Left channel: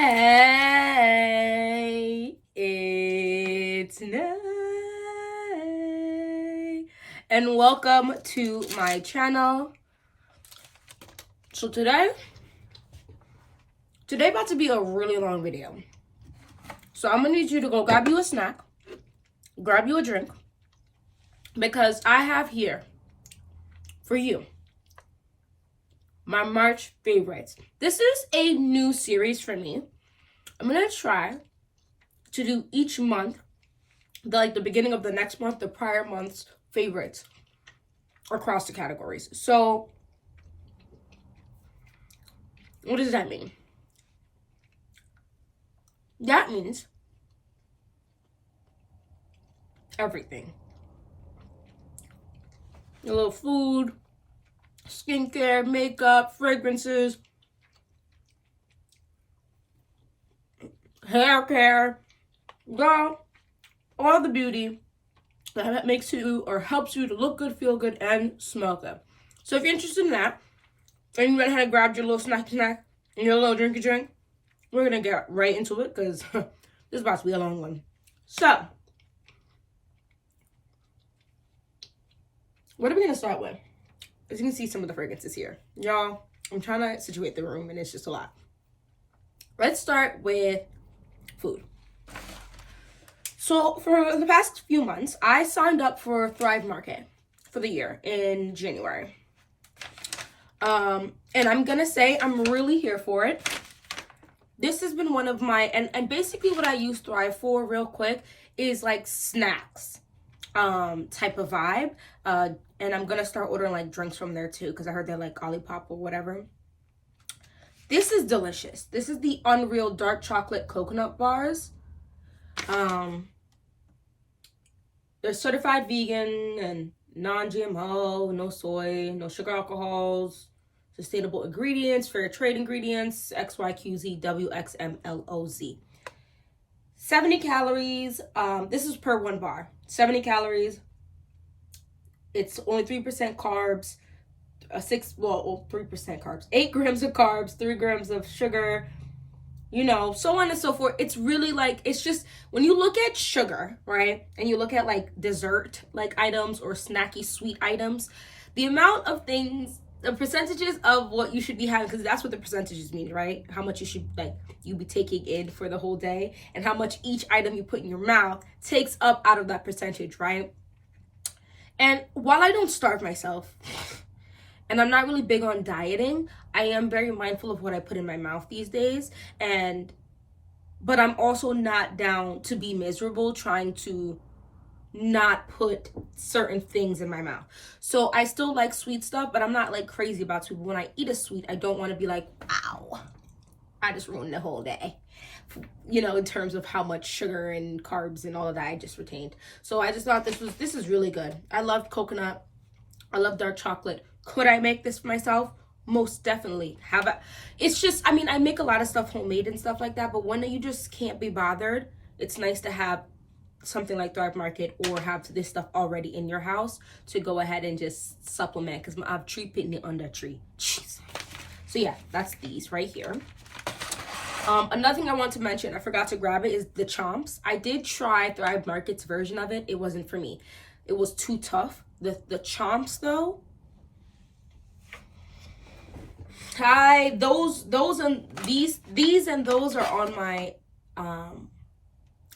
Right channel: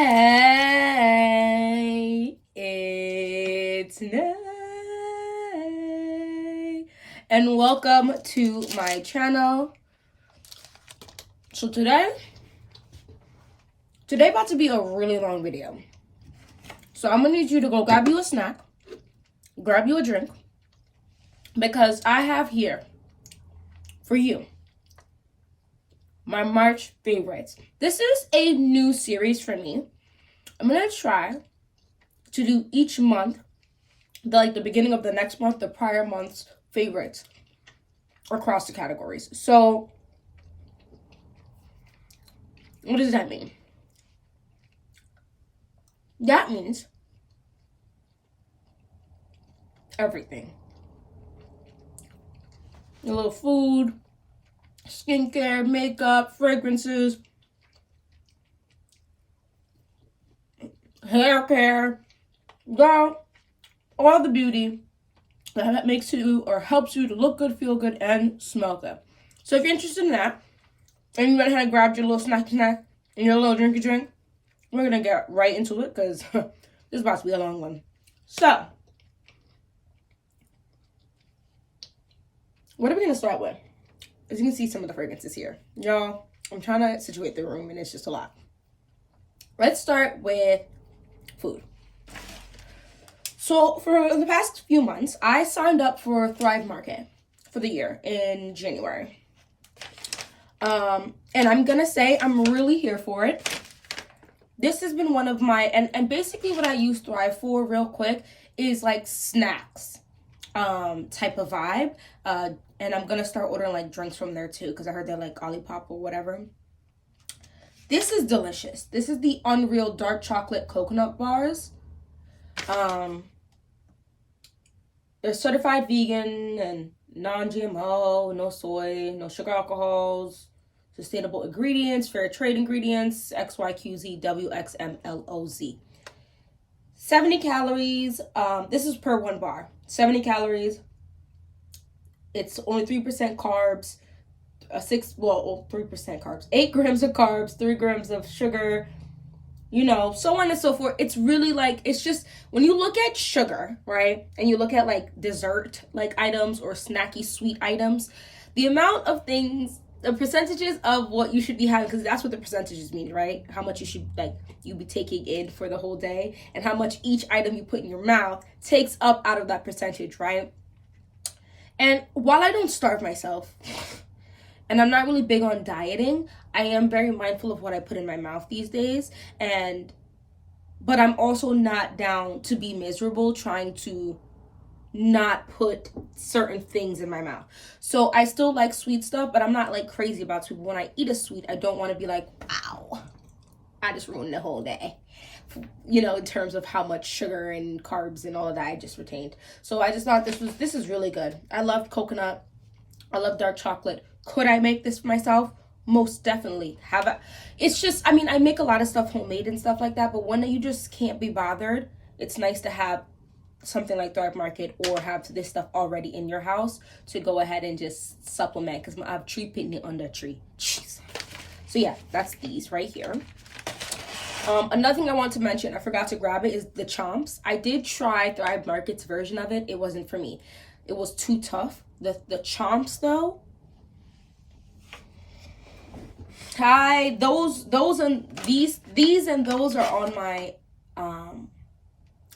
Hey, it's night, and welcome to my channel. So today about to be a really long video. So I'm gonna need you to go grab you a snack, grab you a drink, because I have here for you my March favorites. This is a new series for me. I'm gonna try to do each month, the beginning of the next month, the prior month's favorites across the categories. So what does that mean? That means everything. A little food, skincare, makeup, fragrances, hair care, girl, all the beauty that makes you or helps you to look good, feel good, and smell good. So if you're interested in that, and you went ahead and grabbed your little snack and your little drinky drink, we're gonna get right into it because this is about to be a long one. So, what are we gonna start with? As you can see, some of the fragrances here. Y'all, I'm trying to situate the room and it's just a lot. Let's start with food. So for the past few months, I signed up for Thrive Market for the year in January. And I'm gonna say I'm really here for it. This has been one of my, and basically what I use Thrive for real quick is like snacks type of vibe. And I'm gonna start ordering like drinks from there too, because I heard they like Olipop or whatever. This is delicious. This is the Unreal Dark Chocolate Coconut Bars. They're certified vegan and non-GMO, no soy, no sugar alcohols, sustainable ingredients, fair trade ingredients, XYQZWXMLOZ. 70 calories. This is per one bar. 70 calories. It's only 3% carbs, 3% carbs, 8 grams of carbs, 3 grams of sugar, you know, so on and so forth. It's really like, it's just, when you look at sugar, right, and you look at like dessert like items or snacky sweet items, the amount of things, the percentages of what you should be having, because that's what the percentages mean, right? How much you should you be taking in for the whole day, and how much each item you put in your mouth takes up out of that percentage, right? And while I don't starve myself, and I'm not really big on dieting, I am very mindful of what I put in my mouth these days. But I'm also not down to be miserable trying to not put certain things in my mouth. So I still like sweet stuff, but I'm not like crazy about sweet. When I eat a sweet, I don't want to be like, wow, I just ruined the whole day. You know, in terms of how much sugar and carbs and all of that I just retained. So I just thought this is really good. I love coconut. I love dark chocolate. Could I make this for myself? Most definitely. It's just, I mean, I make a lot of stuff homemade and stuff like that, but when you just can't be bothered, it's nice to have something like Thrive Market or have this stuff already in your house to go ahead and just supplement, because I have tree picnic on the tree. Jeez. So yeah, that's these right here. Another thing I want to mention, I forgot to grab it, is the Chomps. I did try Thrive Market's version of it. It wasn't for me. It was too tough. The Chomps though, those and these and those are on my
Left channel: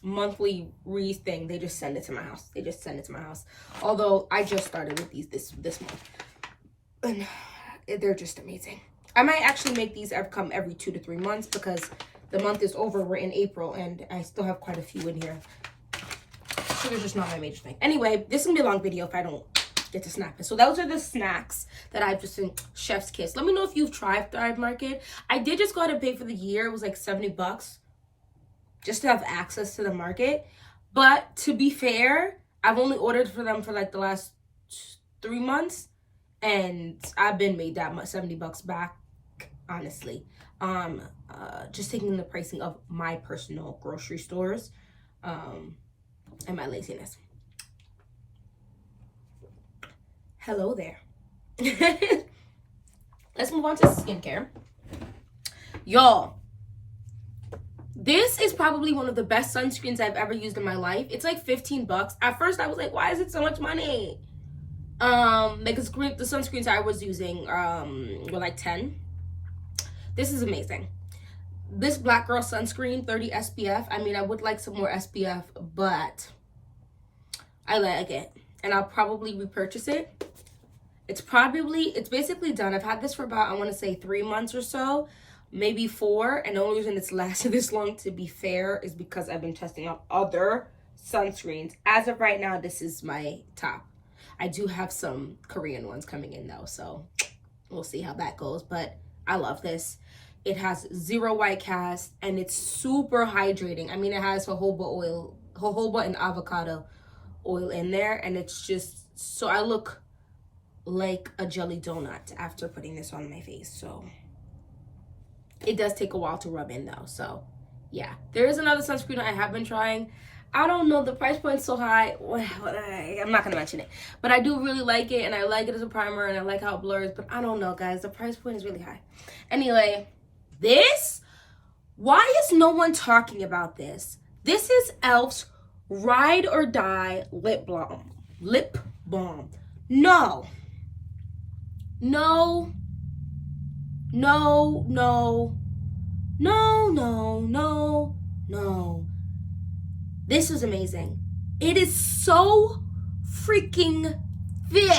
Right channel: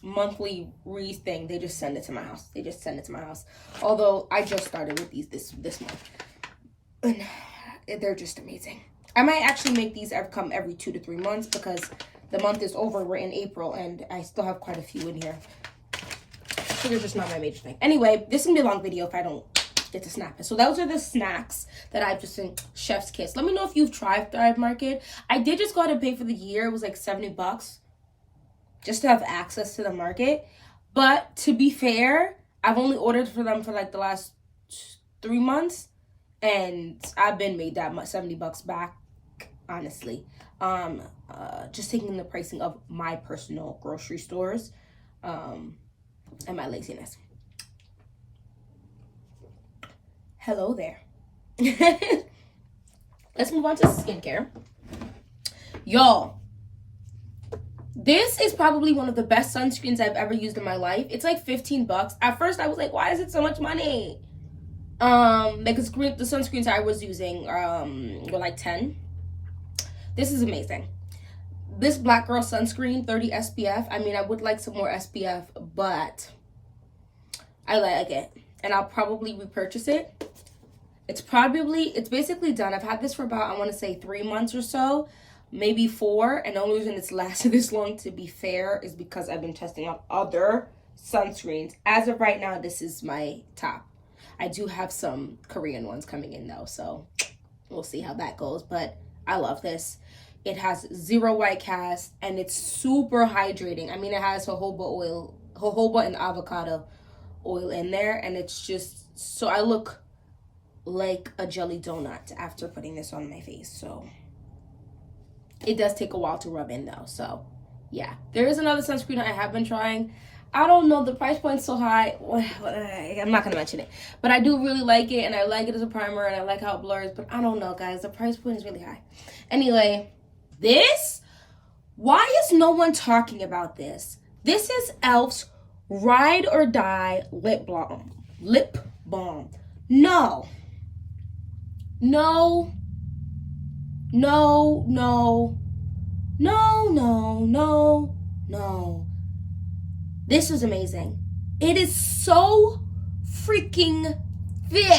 monthly thing. They just send it to my house. Although I just started with these this month, and they're just amazing. I might actually make these come every 2 to 3 months, because the month is over. We're in April and I still have quite a few in here. Sugar's just not my major thing. Anyway, this is gonna be a long video if I don't get to snap it. So those are the snacks that I've just in chef's kiss. Let me know if you've tried Thrive Market. I did just go ahead and pay for the year. It was like $70 just to have access to the market. But to be fair, I've only ordered for them for like the last 3 months, and I've been made that much, $70 back, honestly. Just taking the pricing of my personal grocery stores and my laziness. Hello there. Let's move on to skincare. Y'all, This is probably one of the best sunscreens I've ever used in my life. It's like 15 bucks. At first I was like, why is it so much money? Because the sunscreens I was using were like 10. This is amazing. This Black Girl sunscreen, 30 SPF. I mean, I would like some more SPF, but I like it. And I'll probably repurchase it. It's basically done. I've had this for about, I want to say 3 months or so, maybe 4. And the only reason it's lasted this long, to be fair, is because I've been testing out other sunscreens. As of right now, this is my top. I do have some Korean ones coming in though, so we'll see how that goes. But I love this. It has 0 white cast, and it's super hydrating. I mean, it has jojoba and avocado oil in there, and it's just, so I look like a jelly donut after putting this on my face. So it does take a while to rub in though. So yeah, there is another sunscreen I have been trying. I don't know, the price point's so high. I'm not gonna mention it, but I do really like it, and I like it as a primer, and I like how it blurs. But I don't know, guys, the price point is really high. Anyway, why is no one talking about this? This is e.l.f.'s Ride or Die lip balm. No. This is amazing. It is so freaking thick.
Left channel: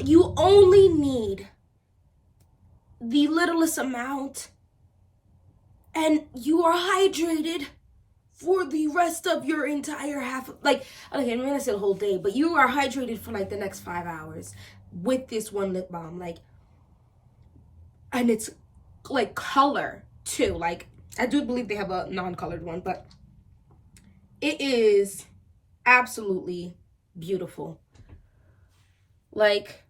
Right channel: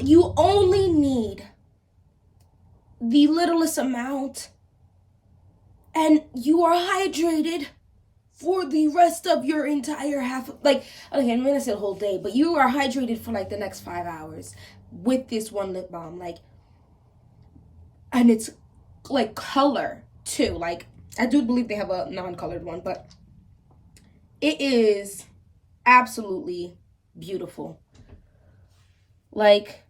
You only need the littlest amount, and you are hydrated for the rest of your entire okay, I'm gonna say the whole day, but you are hydrated for like the next 5 hours with this one lip balm. Like, and it's like color too. Like, I do believe they have a non-colored one, but it is absolutely beautiful. Like,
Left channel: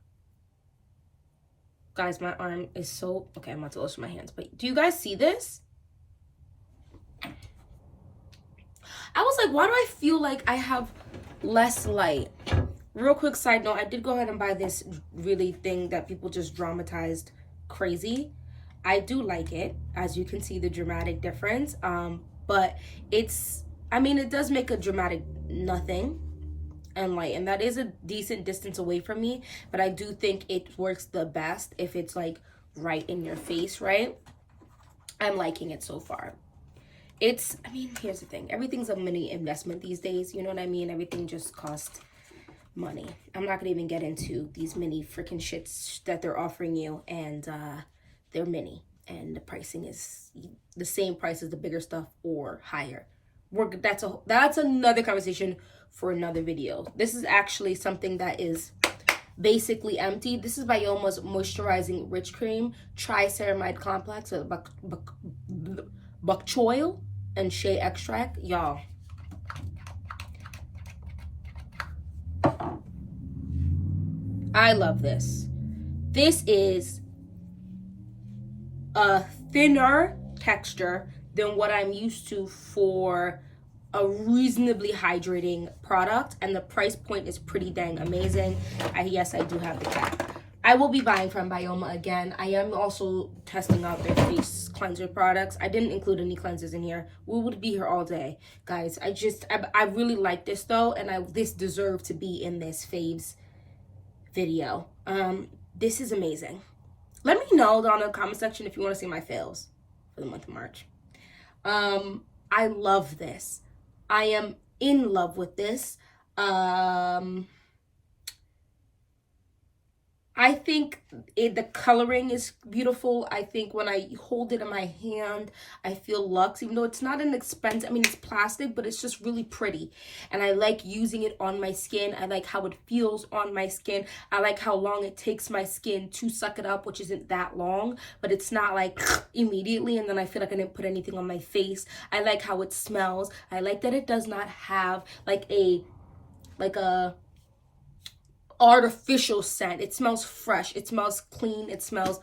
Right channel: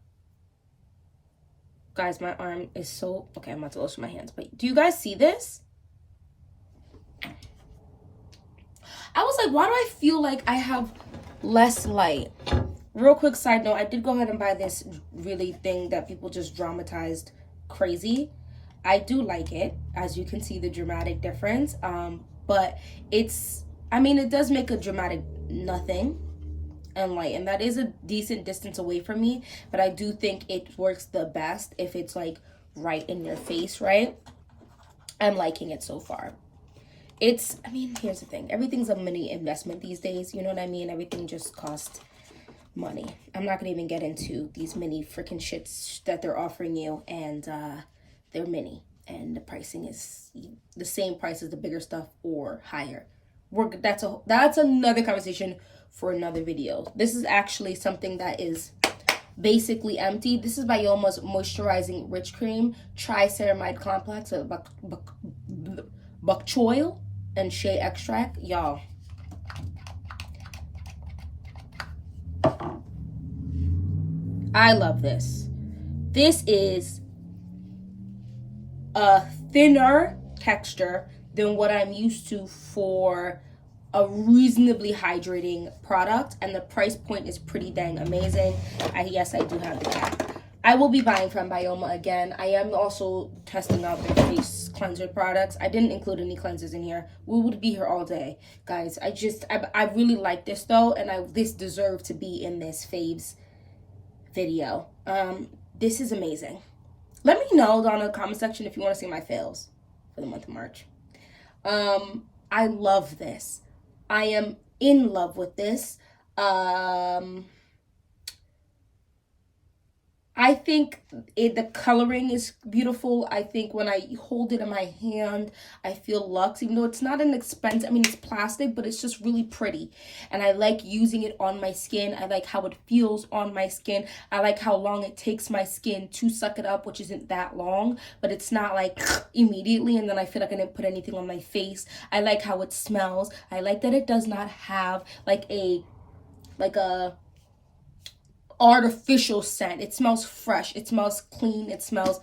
guys, my arm is so, okay, I'm about to lotion my hands, but do you guys see this? I was like, why do I feel like I have less light? Real quick side note, I did go ahead and buy this really thing that people just dramatized crazy. I do like it, as you can see the dramatic difference, but it's, I mean, it does make a dramatic nothing and light, and that is a decent distance away from me, but I do think it works the best if it's like right in your face, right? I'm liking it so far. It's, I mean, here's the thing, everything's a mini investment these days, you know what I mean? Everything just costs money. I'm not gonna even get into these mini freaking shits that they're offering you, and they're mini, and the pricing is the same price as the bigger stuff or higher. That's another conversation for another video. This is actually something that is basically empty. This is Bioma's Moisturizing Rich Cream Triceramide Complex with bok choy and shea extract. Y'all, I love this. This is a thinner texture than what I'm used to for a reasonably hydrating product, and the price point is pretty dang amazing. Yes, I do have the cap. I will be buying from Bioma again. I am also testing out their face cleanser products. I didn't include any cleansers in here. We would be here all day, guys. I really like this though, and this deserved to be in this faves video. This is amazing. Let me know down in the comment section if you want to see my fails for the month of March. I love this. I am in love with this. I think the coloring is beautiful. I think when I hold it in my hand, I feel luxe, even though it's not an expensive, I mean, it's plastic, but it's just really pretty. And I like using it on my skin. I like how it feels on my skin. I like how long it takes my skin to suck it up, which isn't that long, but it's not like immediately, and then I feel like I didn't put anything on my face. I like how it smells. I like that it does not have like a artificial scent. It smells fresh, it smells clean, it smells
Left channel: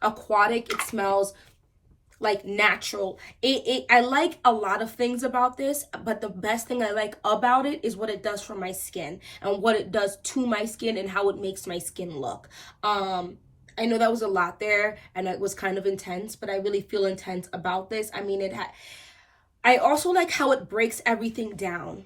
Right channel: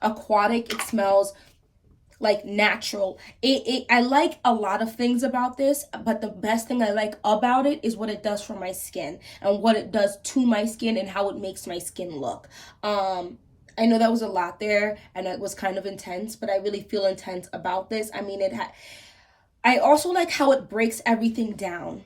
aquatic, it smells like natural. I like a lot of things about this, but the best thing I like about it is what it does for my skin and what it does to my skin and how it makes my skin look. And I know that was a lot there and it was kind of intense, but I really feel intense about this. I mean, I also like how it breaks everything down.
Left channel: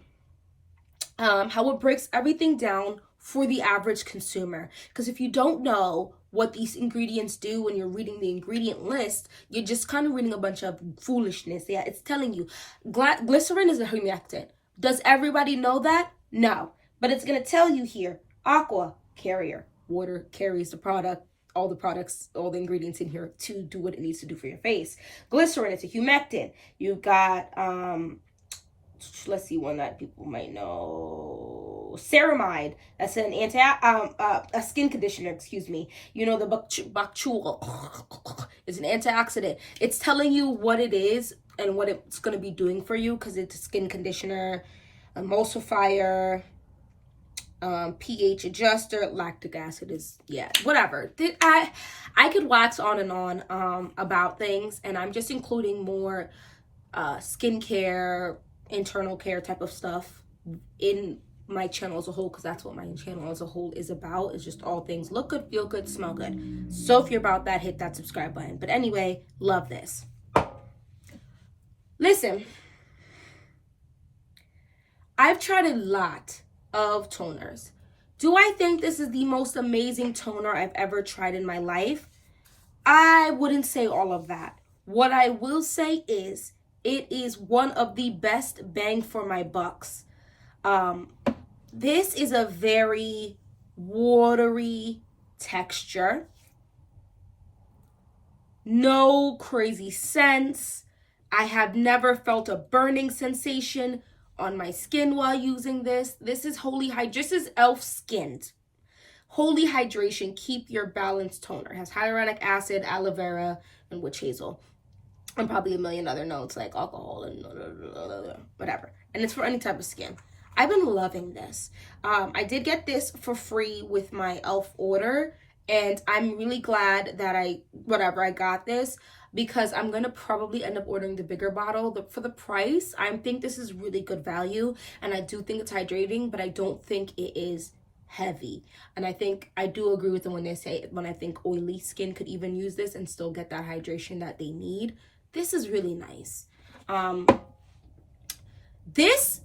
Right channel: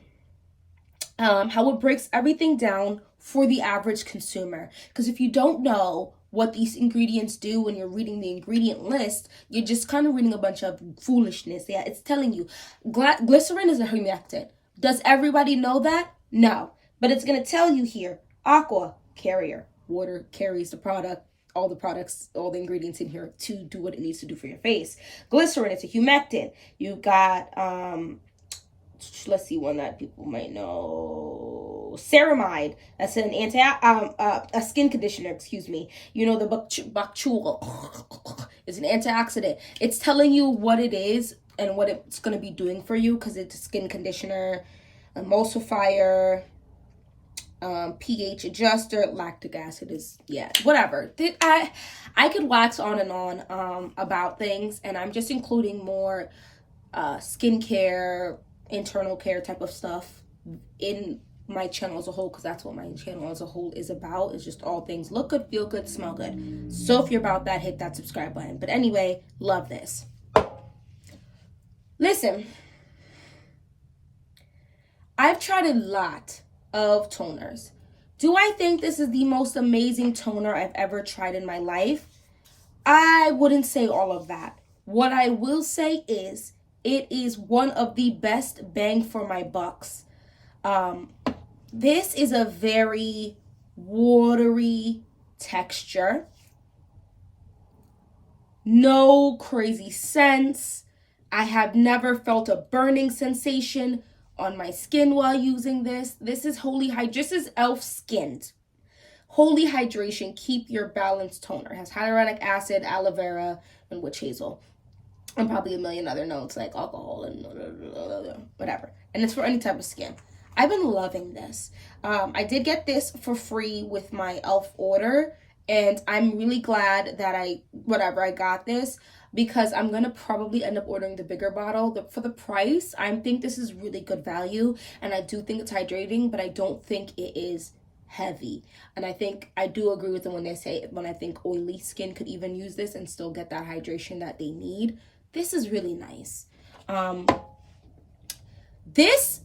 How it breaks everything down for the average consumer. Because if you don't know what these ingredients do when you're reading the ingredient list, you're just kind of reading a bunch of foolishness. Yeah, it's telling you glycerin is a humectant. Does everybody know that? No. But it's going to tell you here, aqua, carrier, water carries the product, all the products, all the ingredients in here to do what it needs to do for your face. Glycerin, it's a humectant. You've got, let's see one that people might know. Ceramide, that's an a skin conditioner, excuse me. You know, the bacchul is an antioxidant. It's telling you what it is and what it's going to be doing for you, because it's a skin conditioner, emulsifier, pH adjuster, lactic acid is, yeah, whatever. I could wax on and on about things, and I'm just including more skincare, internal care type of stuff in my channel as a whole, because that's what my channel as a whole is about. It's just all things look good, feel good, smell good. So if you're about that, hit that subscribe button. But anyway, love this. Listen, I've tried a lot of toners. Do I think this is the most amazing toner I've ever tried in my life? I wouldn't say all of that. What I will say is it is one of the best bang for my bucks. This is a very watery texture. No crazy scents. I have never felt a burning sensation on my skin while using this. This is Holy Hydration. This is e.l.f. Skinned. Holy Hydration, keep your balanced toner. It has hyaluronic acid, aloe vera, and witch hazel. And probably a million other notes like alcohol and whatever. And it's for any type of skin. I've been loving this. I did get this for free with my e.l.f. order. And I'm really glad that I got this, because I'm going to probably end up ordering the bigger bottle. For the price, I think this is really good value. And I do think it's hydrating, but I don't think it is heavy. And I do agree with them when they say, when I think oily skin could even use this and still get that hydration that they need. This is really nice. This,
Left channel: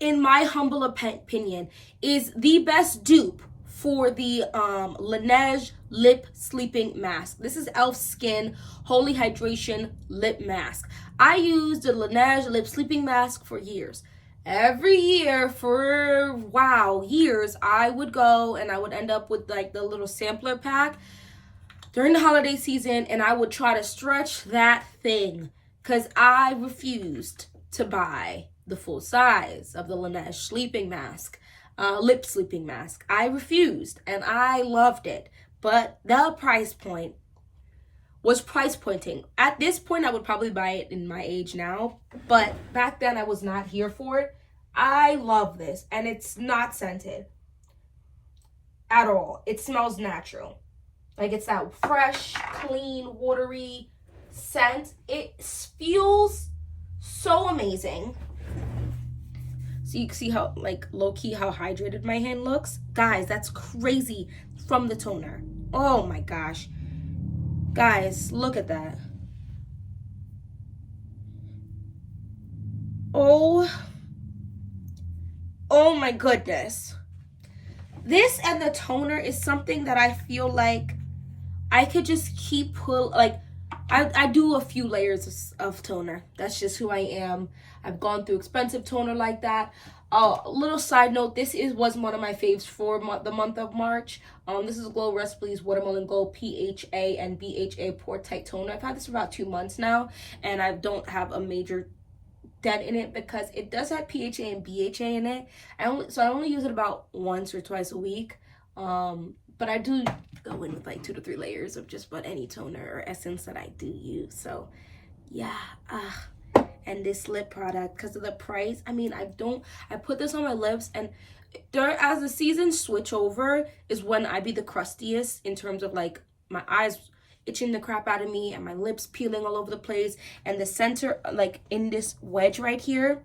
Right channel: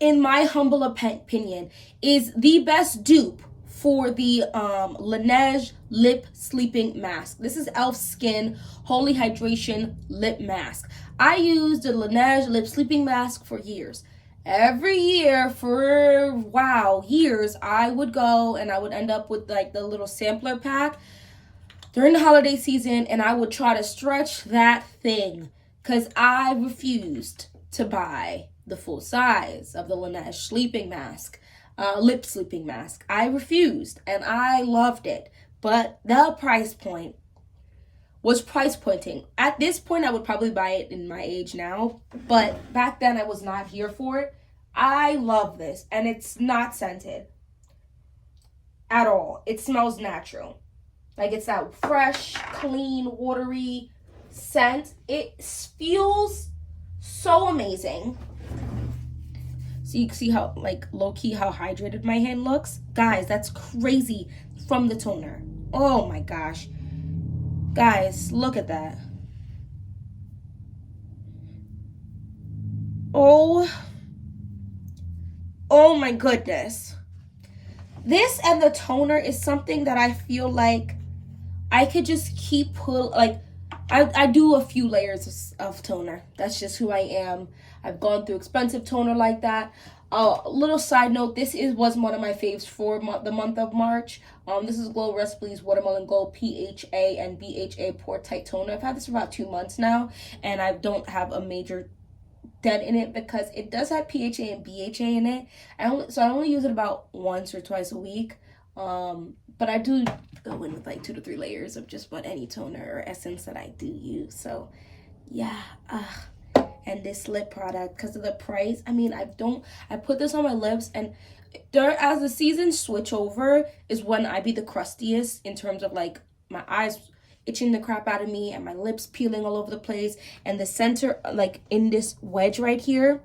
in my humble opinion, is the best dupe for the Laneige Lip Sleeping Mask. This is e.l.f. Skin Holy Hydration Lip Mask. I used the Laneige Lip Sleeping Mask for years. Every year for, years, I would go and I would end up with like the little sampler pack during the holiday season, and I would try to stretch that thing because I refused to buy the full size of the Laneige sleeping mask, lip sleeping mask. I refused, and I loved it, but the price point was price pointing. At this point, I would probably buy it in my age now, but back then I was not here for it. I love this, and it's not scented at all. It smells natural. Like, it's that fresh, clean, watery scent. It feels so amazing. So you can see how, like, low-key how hydrated my hand looks. Guys, that's crazy from the toner. Oh my gosh. Guys, look at that. Oh my goodness. This and the toner is something that I feel like I could just keep I do a few layers of toner. That's just who I am. I've gone through expensive toner like that. A little side note, this was one of my faves for the month of March. This is Glow Recipes Watermelon Gold PHA and BHA Pore Tight Toner. I've had this for about 2 months now, and I don't have a major dent in it because it does have PHA and BHA in it. I only use it about once or twice a week. But I do go in with like 2 to 3 layers of just about any toner or essence that I do use. So yeah, and this lip product, because of the price, I mean, I put this on my lips, and as the seasons switch over is when I be the crustiest in terms of like my eyes itching the crap out of me and my lips peeling all over the place, and the center, like in this wedge right here,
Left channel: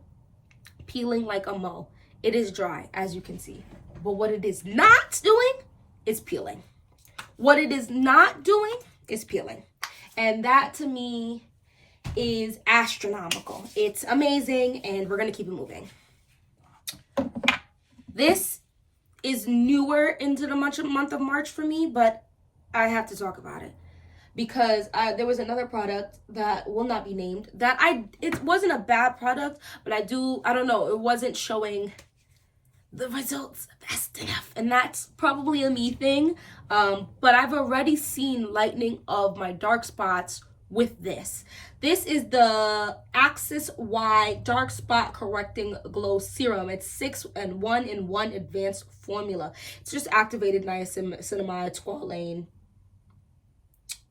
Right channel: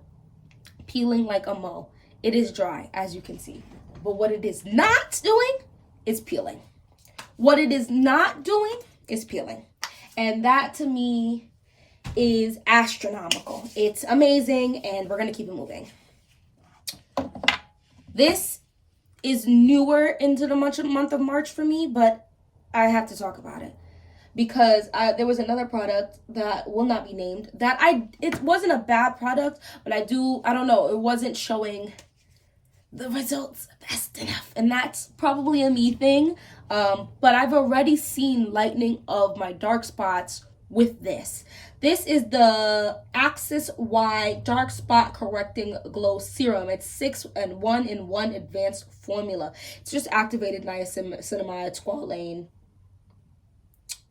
peeling like a mo. It is dry, as you can see, but what it is not doing is peeling. What it is not doing is peeling. And that to me is astronomical. It's amazing, and we're going to keep it moving. This is newer into the month of March for me, but I have to talk about it. Because there was another product that will not be named that it wasn't a bad product, but I don't know, it wasn't showing the results fast enough, and that's probably a me thing. But I've already seen lightening of my dark spots with this. This is the Axis Y Dark Spot Correcting Glow Serum. It's 6-in-1 advanced formula. It's just activated niacinamide, squalane,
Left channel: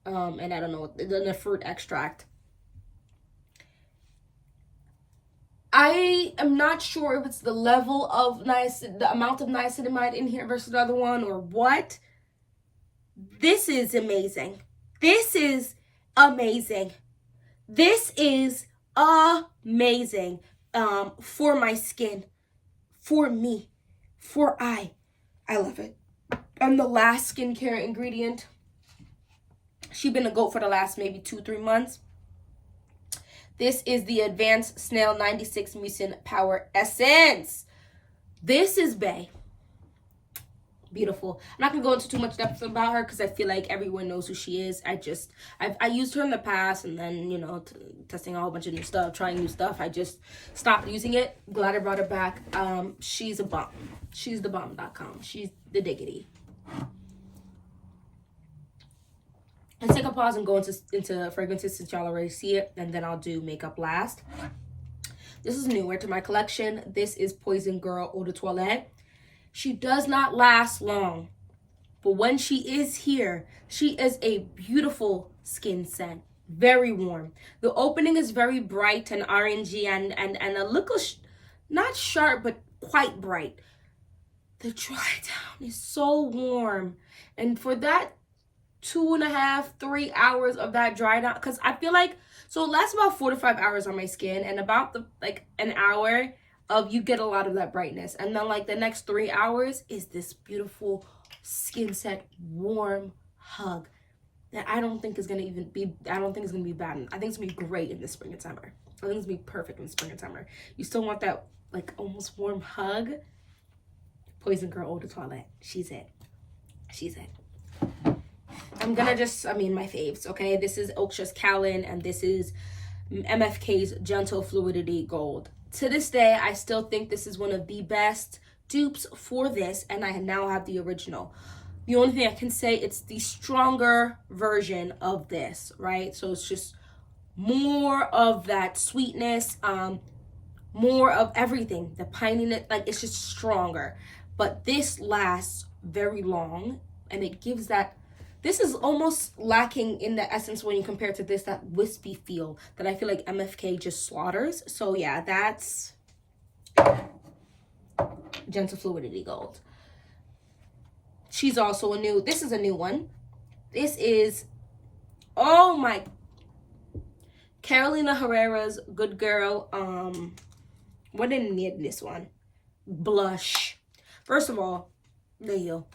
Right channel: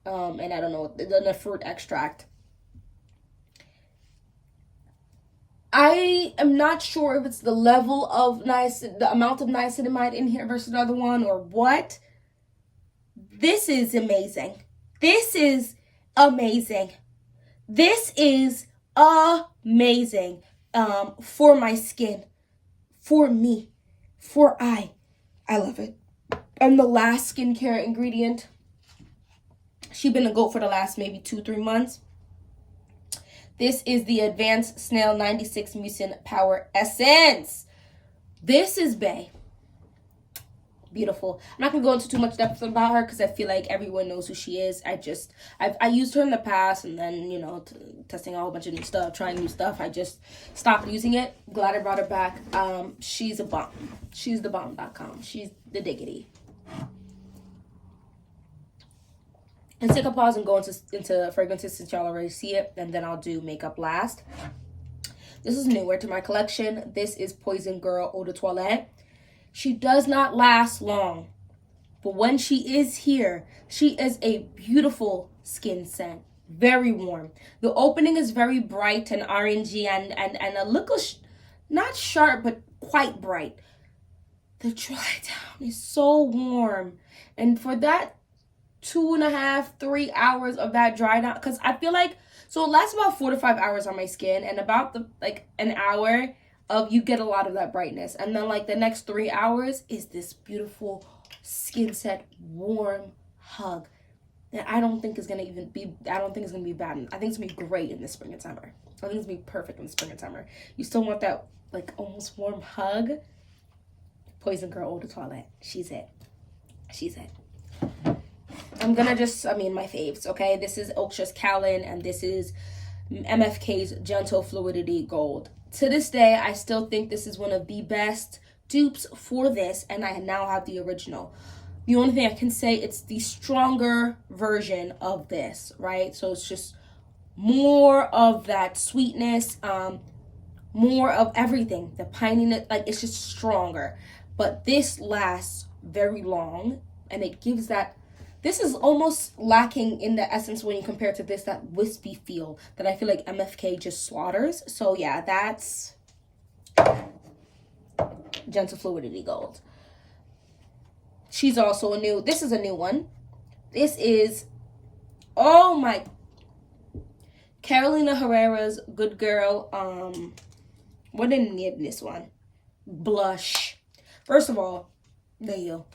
and I don't know, the fruit extract. I am not sure if it's the level of the amount of niacinamide in here versus the other one or what. This is amazing. This is amazing. This is amazing for my skin, for me, I love it. And the last skincare ingredient. She's been a goat for the last maybe 2-3 months. This is the Advanced Snail 96 Mucin Power Essence. This is bae. Beautiful. I'm not going to go into too much depth about her because I feel like everyone knows who she is. I used her in the past, and then, you know, testing a whole bunch of new stuff, trying new stuff. I just stopped using it. Glad I brought her back. She's a bomb. She's the bomb.com. She's the diggity. Let's take a pause and go into fragrances since y'all already see it, and then I'll do makeup last. This is newer to my collection. This is Poison Girl Eau de Toilette. She does not last long, but when she is here, she is a beautiful skin scent. Very warm. The opening is very bright and orangey and a little, not sharp, but quite bright. The dry down is so warm. And for that 2.5-3 hours of that dry down, because I feel like, so it lasts about 4 to 5 hours on my skin, and about an hour of you get a lot of that brightness, and then like the next 3 hours is this beautiful skin set warm hug that I don't think is gonna be bad. I think it's gonna be great in the spring and summer. I think it's gonna be perfect in the spring and summer. You still want that like almost warm hug. Poison Girl Eau de Toilette. She's it. I'm gonna my faves, okay? This is Oaksha's Callan, and this is MFK's Gentle Fluidity Gold. To this day, I still think this is one of the best dupes for this, and I now have the original. The only thing I can say, it's the stronger version of this, right? So it's just more of that sweetness, more of everything. The pininess, like it's just stronger. But this lasts very long, and it gives that. This is almost lacking in the essence when you compare it to this, that wispy feel that I feel like MFK just slaughters. So yeah, that's Gentle Fluidity Gold. She's also this is a new one. This is, oh my, Carolina Herrera's Good Girl. What didn't need this one? Blush. First of all, there you go.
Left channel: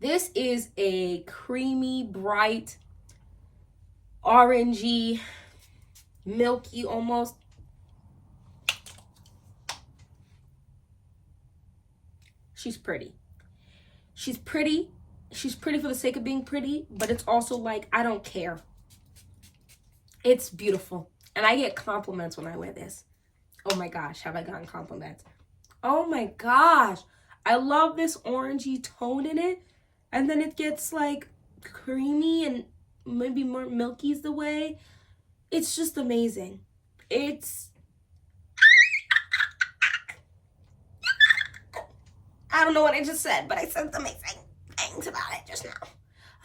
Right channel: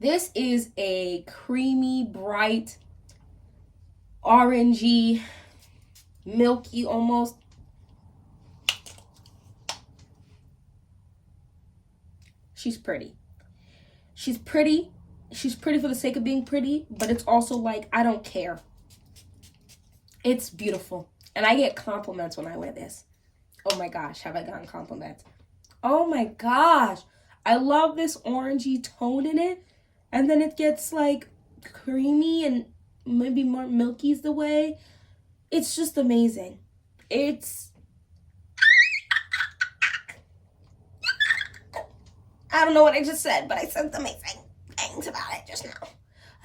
This is a creamy, bright, orangey, milky almost. She's pretty. She's pretty. She's pretty for the sake of being pretty, but it's also like, I don't care. It's beautiful. And I get compliments when I wear this. Oh my gosh, have I gotten compliments? Oh my gosh. I love this orangey tone in it. And then it gets like creamy and maybe more milky is the way. It's just amazing. I don't know what I just said, but I said amazing things about it just now.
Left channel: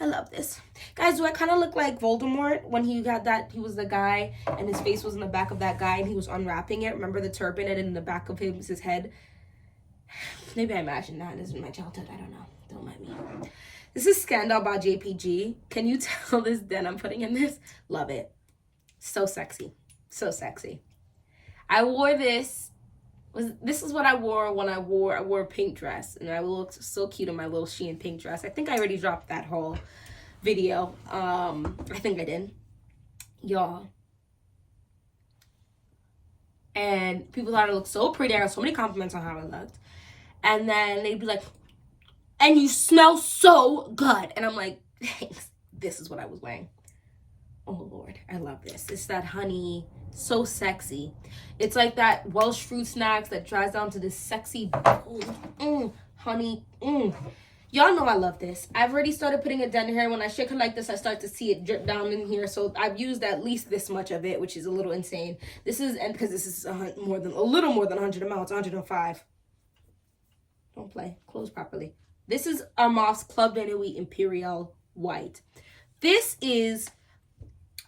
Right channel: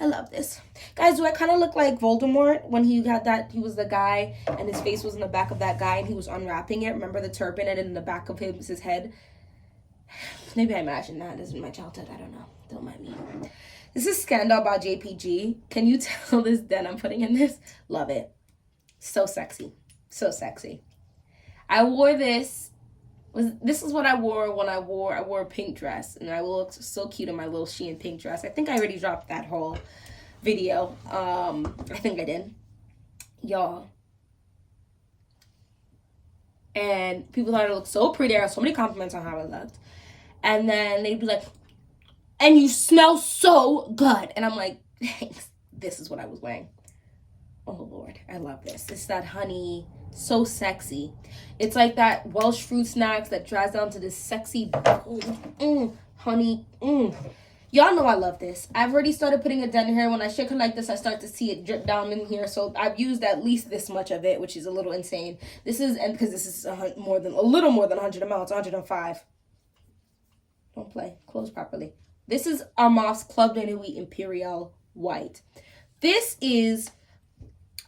I love this. Guys, do I kind of look like Voldemort when he was the guy and his face was in the back of that guy and he was unwrapping it? Remember the turban, and in the back of him was his head? Maybe I imagined that. This is my childhood. I don't know. Don't mind me. This is Scandal by JPG. Can you tell this den I'm putting in this? Love it. So sexy. So sexy. I wore this This is what I wore when I wore a pink dress, and I looked so cute in my little Shein pink dress. I think I already dropped that whole video. I think I did, y'all. And people thought it looked so pretty. I got so many compliments on how it looked. And then they'd be like, and you smell so good. And I'm like, thanks. This is what I was wearing. Oh, Lord. I love this. It's that honey. So sexy. It's like that Welsh fruit snacks that dries down to this sexy honey. Y'all know I love this. I've already started putting it down here. When I shake it like this, I start to see it drip down in here. So I've used at least this much of it, which is a little insane. This is, and because this is a little more than 100 amounts, 105. Don't play. Close properly. This is Armaf's Club Dana Wheat Imperial White. This is,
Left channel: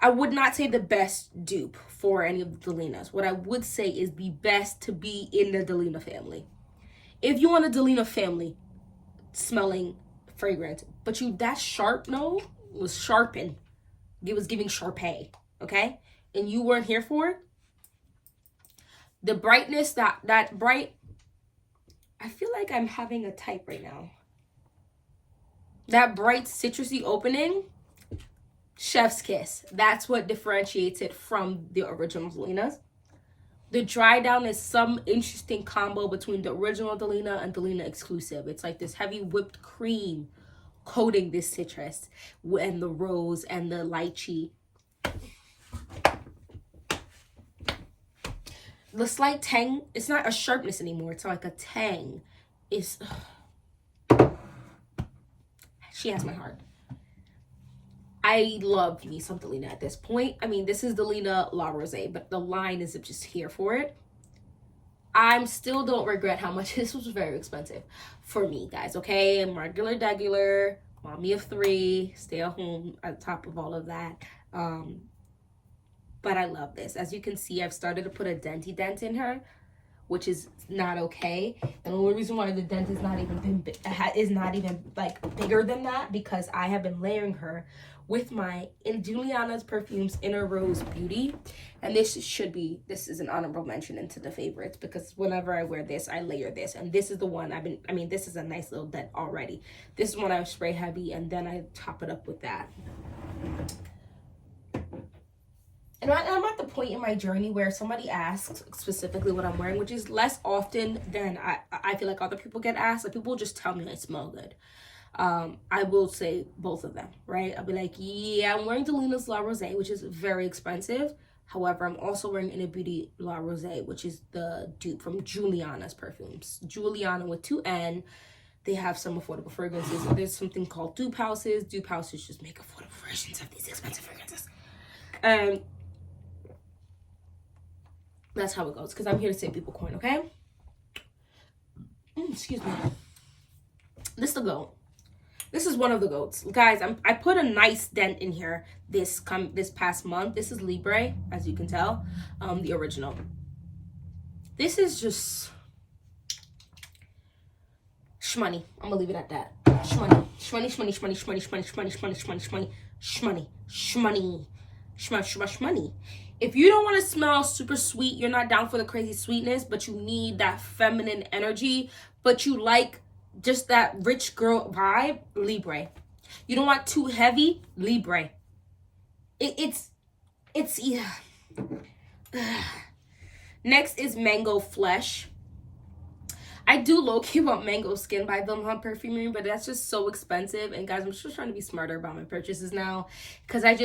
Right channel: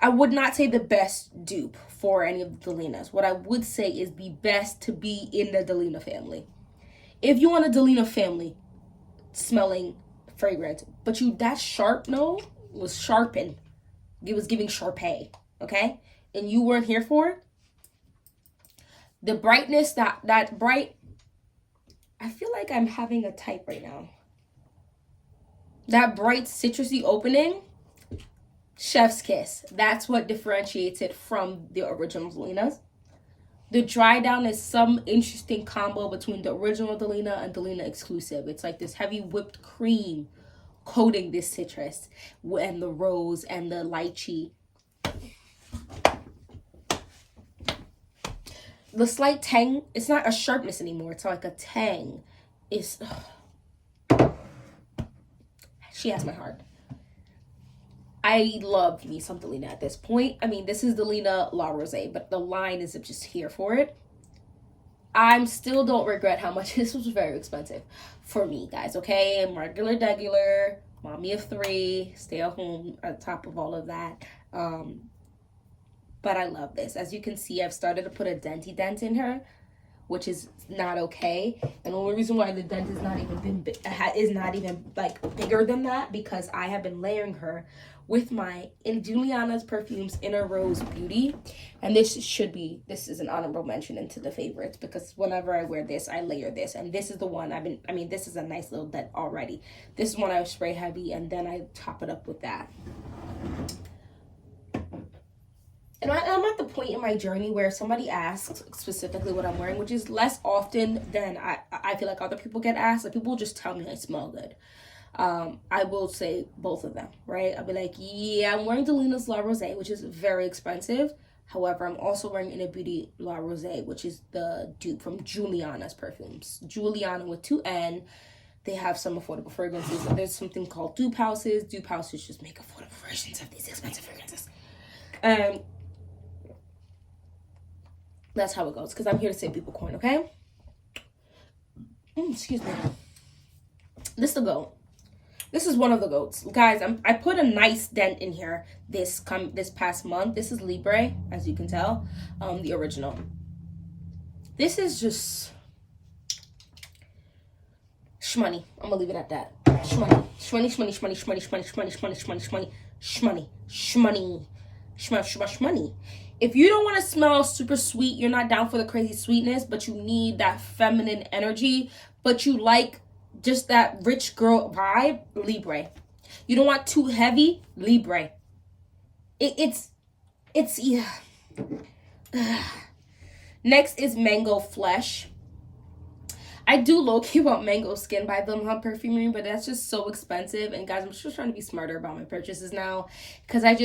I would not say the best dupe for any of the Delinas. What I would say is the best to be in the Delina family. If you want a Delina family smelling fragrance, but that sharp note was sharpened. It was giving Sharpay, okay? And you weren't here for it. The brightness, that bright, I feel like I'm having a type right now. That bright citrusy opening, chef's kiss. That's what differentiates it from the original Delinas. The dry down is some interesting combo between the original Delina and Delina exclusive. It's like this heavy whipped cream coating this citrus and the rose and the lychee. The slight tang, it's not a sharpness anymore. It's like a tang. She has my heart. I love me some Delina at this point. I mean, this is Delina La Rosé, but the line is just here for it. I still don't regret how much this was very expensive for me, guys, okay? I'm regular, degular, mommy of 3, stay at home on top of all of that. But I love this. As you can see, I've started to put a denty dent in her, which is not okay. And the only reason why the dent is not even like bigger than that, because I have been layering her with my Juliana's Perfumes Inner Rose Beauty. And this is an honorable mention into the favorites, because whenever I wear this, I layer this. And this is the one this is a nice little dent already. This is one I spray heavy, and then I top it up with that. And I'm at the point in my journey where somebody asks specifically what I'm wearing, which is less often than I feel like other people get asked. Like, people just tell me I smell good. I will say both of them, right? I'll be like, yeah, I'm wearing Delina's La Rosé, which is very expensive. However, I'm also wearing Inner Beauty La Rosé, which is the dupe from Juliana's Perfumes. Juliana with 2 N. They have some affordable fragrances. There's something called dupe houses. Dupe houses just make affordable versions of these expensive fragrances. And that's how it goes, because I'm here to save people coin, okay? Excuse me. This is the goat. This is one of the goats. Guys, I put a nice dent in here this past month. This is Libre, as you can tell, the original. This is just shmoney. I'm gonna leave it at that. Shmoney. Shmoney, shmoney, shmoney, shmoney, shmoney, shmoney, shmoney, shmoney, shmoney, shmoney, shmoney, shmoney, shmoney. If you don't want to smell super sweet, you're not down for the crazy sweetness, but you need that feminine energy, but you like just that rich girl vibe, Libre. You don't want too heavy, Libre. It's yeah. Next is Mango Flesh. I do low-key want Mango Skin by Vilhelm Perfumery, but that's just so expensive. And guys, I'm just trying to be smarter about my purchases now, because I'm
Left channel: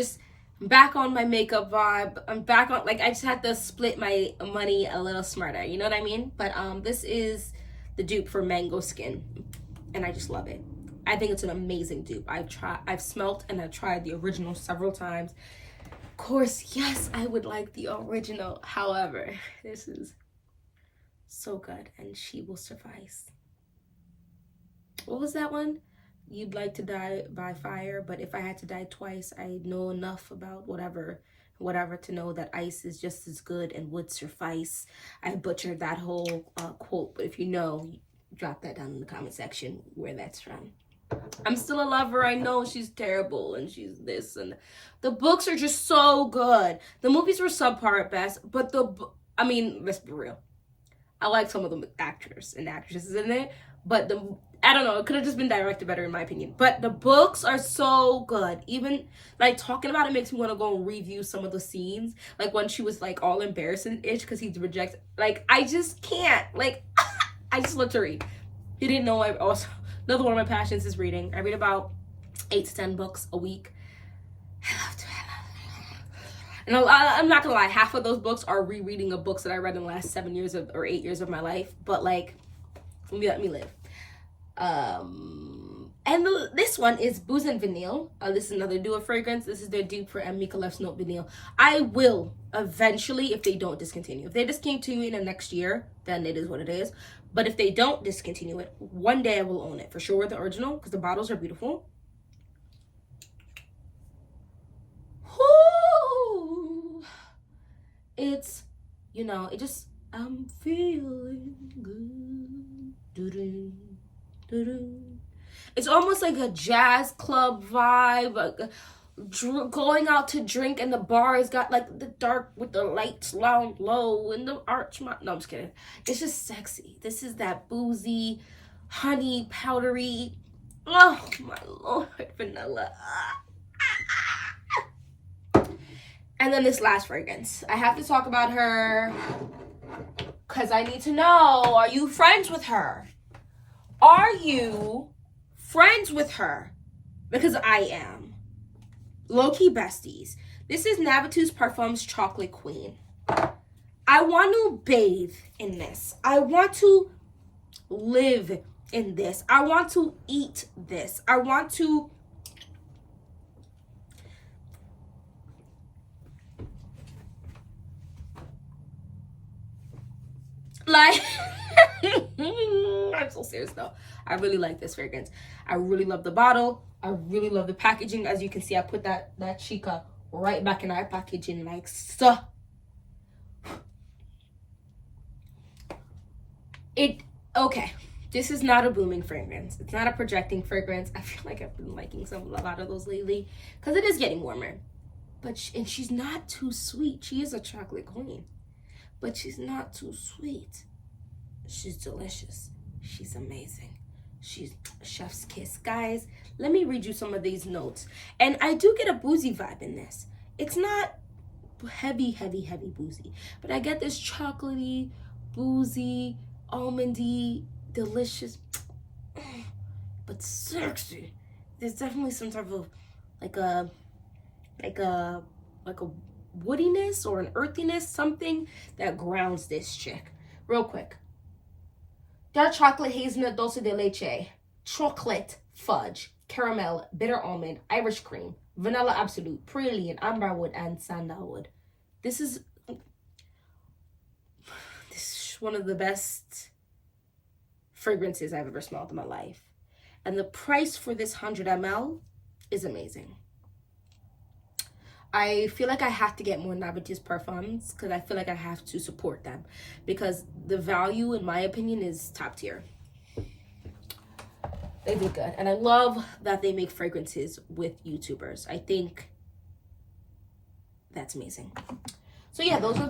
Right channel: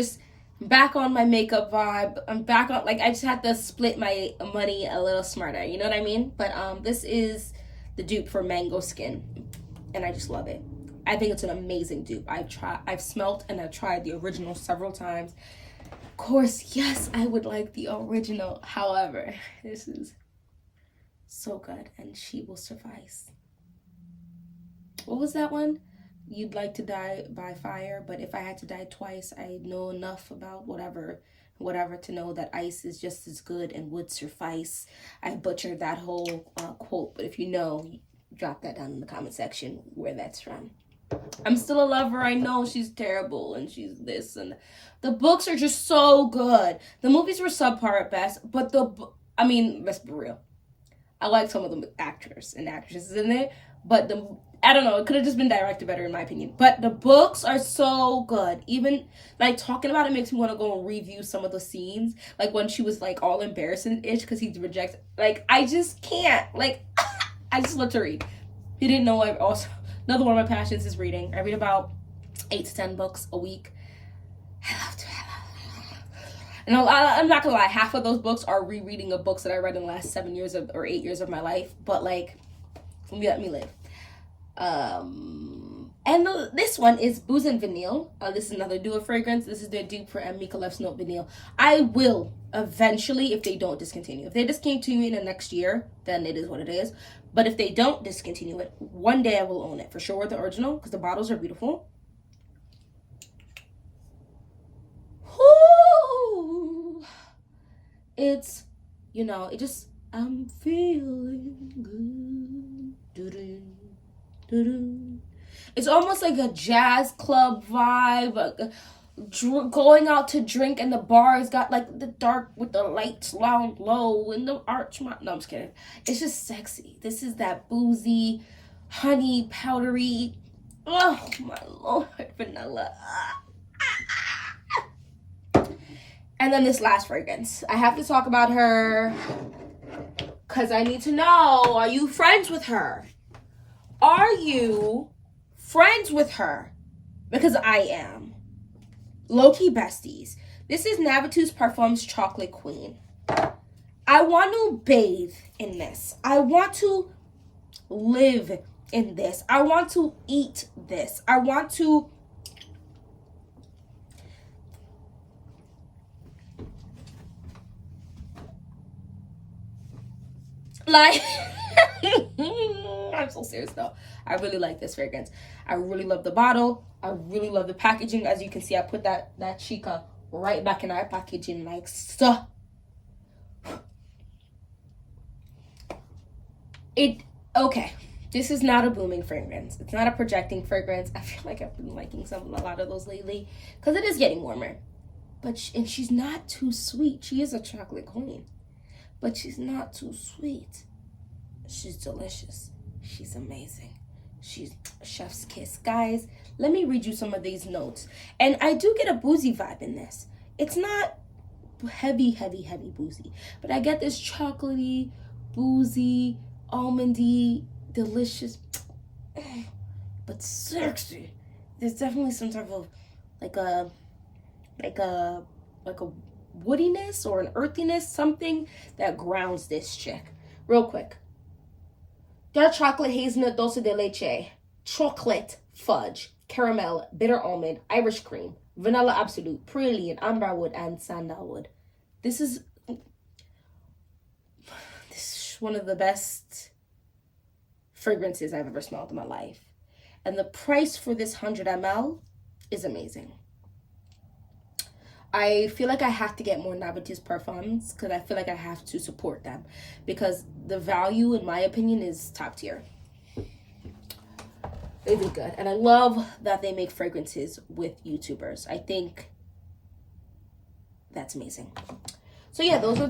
back on my makeup vibe. I'm back on, like, I just had to split my money a little smarter. You know what I mean? But this is the dupe for Mango Skin, and I just love it. I think it's an amazing dupe. I've smelt and I've tried the original several times. Of course, yes, I would like the original. However, this is so good, and she will suffice. What was that one? You'd like to die by fire, but if I had to die twice, I know enough about whatever to know that ice is just as good and would suffice. I butchered that whole quote, but if you know, drop that down in the comment section where that's from. I'm still a lover. I know she's terrible and she's this, and the books are just so good. The movies were subpar at best, but let's be real. I like some of the actors and actresses in it, but I don't know, it could have just been directed better in my opinion. But the books are so good. Even like talking about it makes me want to go and review some of the scenes, like when she was like all embarrassed and itch because he rejects. Like I just can't. Like I just love to read. You didn't know. I also, another one of my passions is reading. I read about 8 to 10 books a week. I love to. And I'm not gonna lie, half of those books are rereading of books that I read in the last 7 years or 8 years of my life. But like, let me live. And this one is Booze and Vanille. This is another duo fragrance. This is their dupe for Mika Left's Note Vanille. I will eventually, if they don't discontinue. If they discontinue in the next year, then it is what it is. But if they don't discontinue it, one day I will own it. For sure, the original, because the bottles are beautiful. It's, you know, it just, I'm feeling good. Doo-doo, doo-doo. It's almost like a jazz club vibe, like going out to drink, and the bar has got like the dark with the lights down low and the arch. No, I'm just kidding. It's just sexy. This is that boozy, honey, powdery. Oh my Lord, vanilla. And then this last fragrance. I have to talk about her because I need to know, are you friends with her? Are you friends with her? Because I am. Low-key besties. This is Navitous Parfums Chocolate Queen. I want to bathe in this. I want to live in this. I want to eat this. I want to... like, I'm so serious though. I really like this fragrance. I really love the bottle. I really love the packaging. As you can see, I put that Chica right back in our packaging like so. Okay. This is not a booming fragrance. It's not a projecting fragrance. I feel like I've been liking a lot of those lately because it is getting warmer. But and she's not too sweet. She is a chocolate queen. But she's not too sweet. She's delicious. She's amazing. She's chef's kiss. Guys, let me read you some of these notes. And I do get a boozy vibe in this. It's not heavy boozy. But I get this chocolatey, boozy, almondy, delicious, but sexy. There's definitely some type of like a woodiness or an earthiness, something that grounds this chick. Real quick. Dark chocolate, hazelnut, dulce de leche, chocolate, fudge, caramel, bitter almond, Irish cream, vanilla absolute, praline, amberwood, and sandalwood. This is one of the best fragrances I've ever smelled in my life. And the price for this 100 ml is amazing. I feel like I have to get more Navitous Parfums because I feel like I have to support them because the value, in my opinion, is top tier. They do good. And I love that they make fragrances with YouTubers. I think that's amazing. So yeah, those are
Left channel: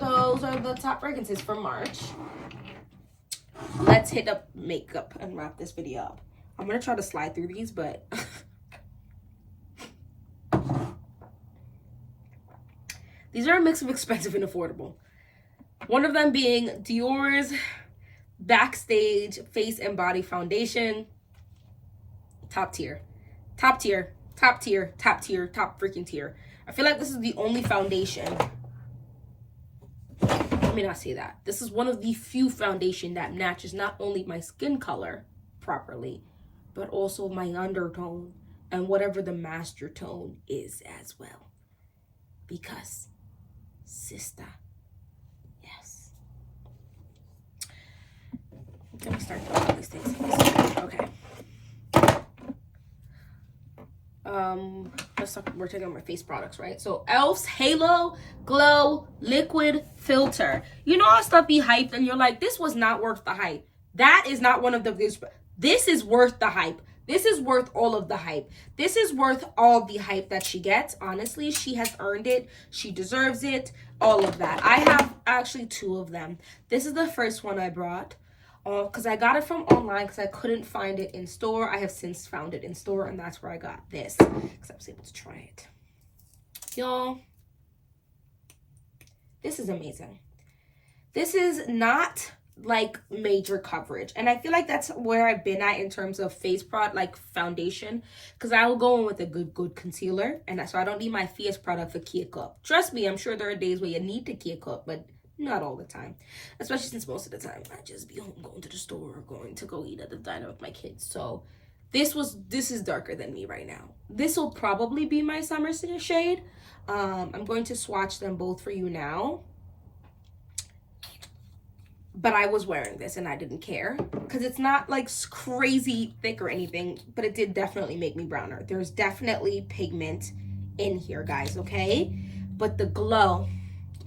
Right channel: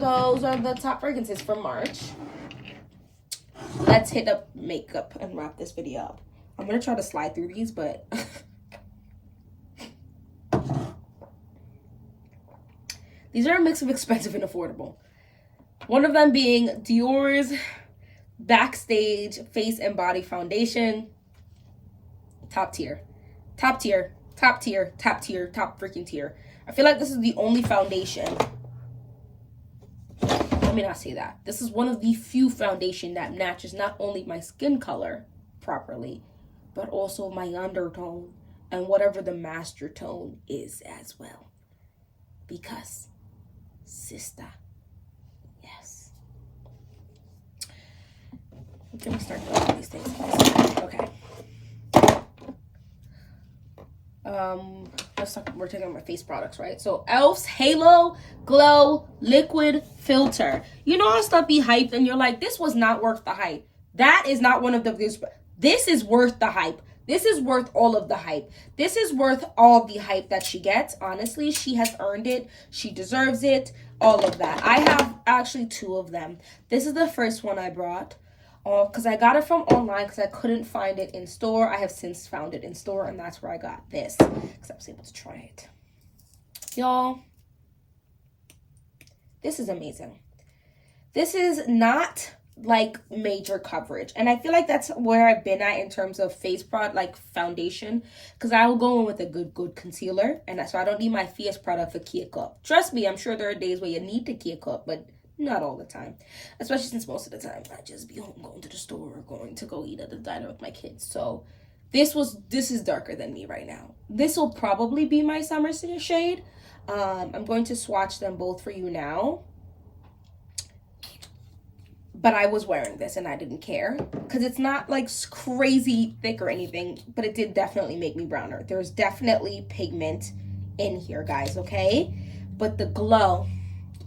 the top fragrances for March. Let's hit up makeup and wrap this video up. I'm going to try to slide through these, but... These are a mix of expensive and affordable. One of them being Dior's Backstage Face and Body Foundation. Top tier. Top tier. Top tier. Top tier. Top freaking tier. I feel like this is the only foundation. Let me not say that. This is one of the few foundation that matches not only my skin color properly, but also my undertone and whatever the master tone is as well. Because... sister, yes. I'm gonna start doing all these things. Okay. Let's talk. We're taking my face products, right? So Elf's Halo Glow Liquid Filter. You know how stuff be hyped and you're like, this was not worth the hype. That is not one of the. This is worth the hype. This is worth all of the hype. This is worth all the hype that she gets. Honestly, she has earned it. She deserves it. All of that. I have actually 2 of them. This is the first one I brought. Because I got it from online because I couldn't find it in store. I have since found it in store, and that's where I got this. Because I was able to try it. Y'all, this is amazing. This is not like major coverage, and I feel like that's where I've been at in terms of face product, like foundation, because I will go in with a good concealer, and so I don't need my face product for cake up. Trust me, I'm sure there are days where you need to cake up, but not all the time, especially since most of the time I just be home going to the store or going to go eat at the diner with my kids. So this is darker than me right now. This will probably be my summer shade. I'm going to swatch them both for you now. But I was wearing this and I didn't care because it's not like crazy thick or anything, but it did definitely make me browner. There's definitely pigment in here, guys, okay? But the glow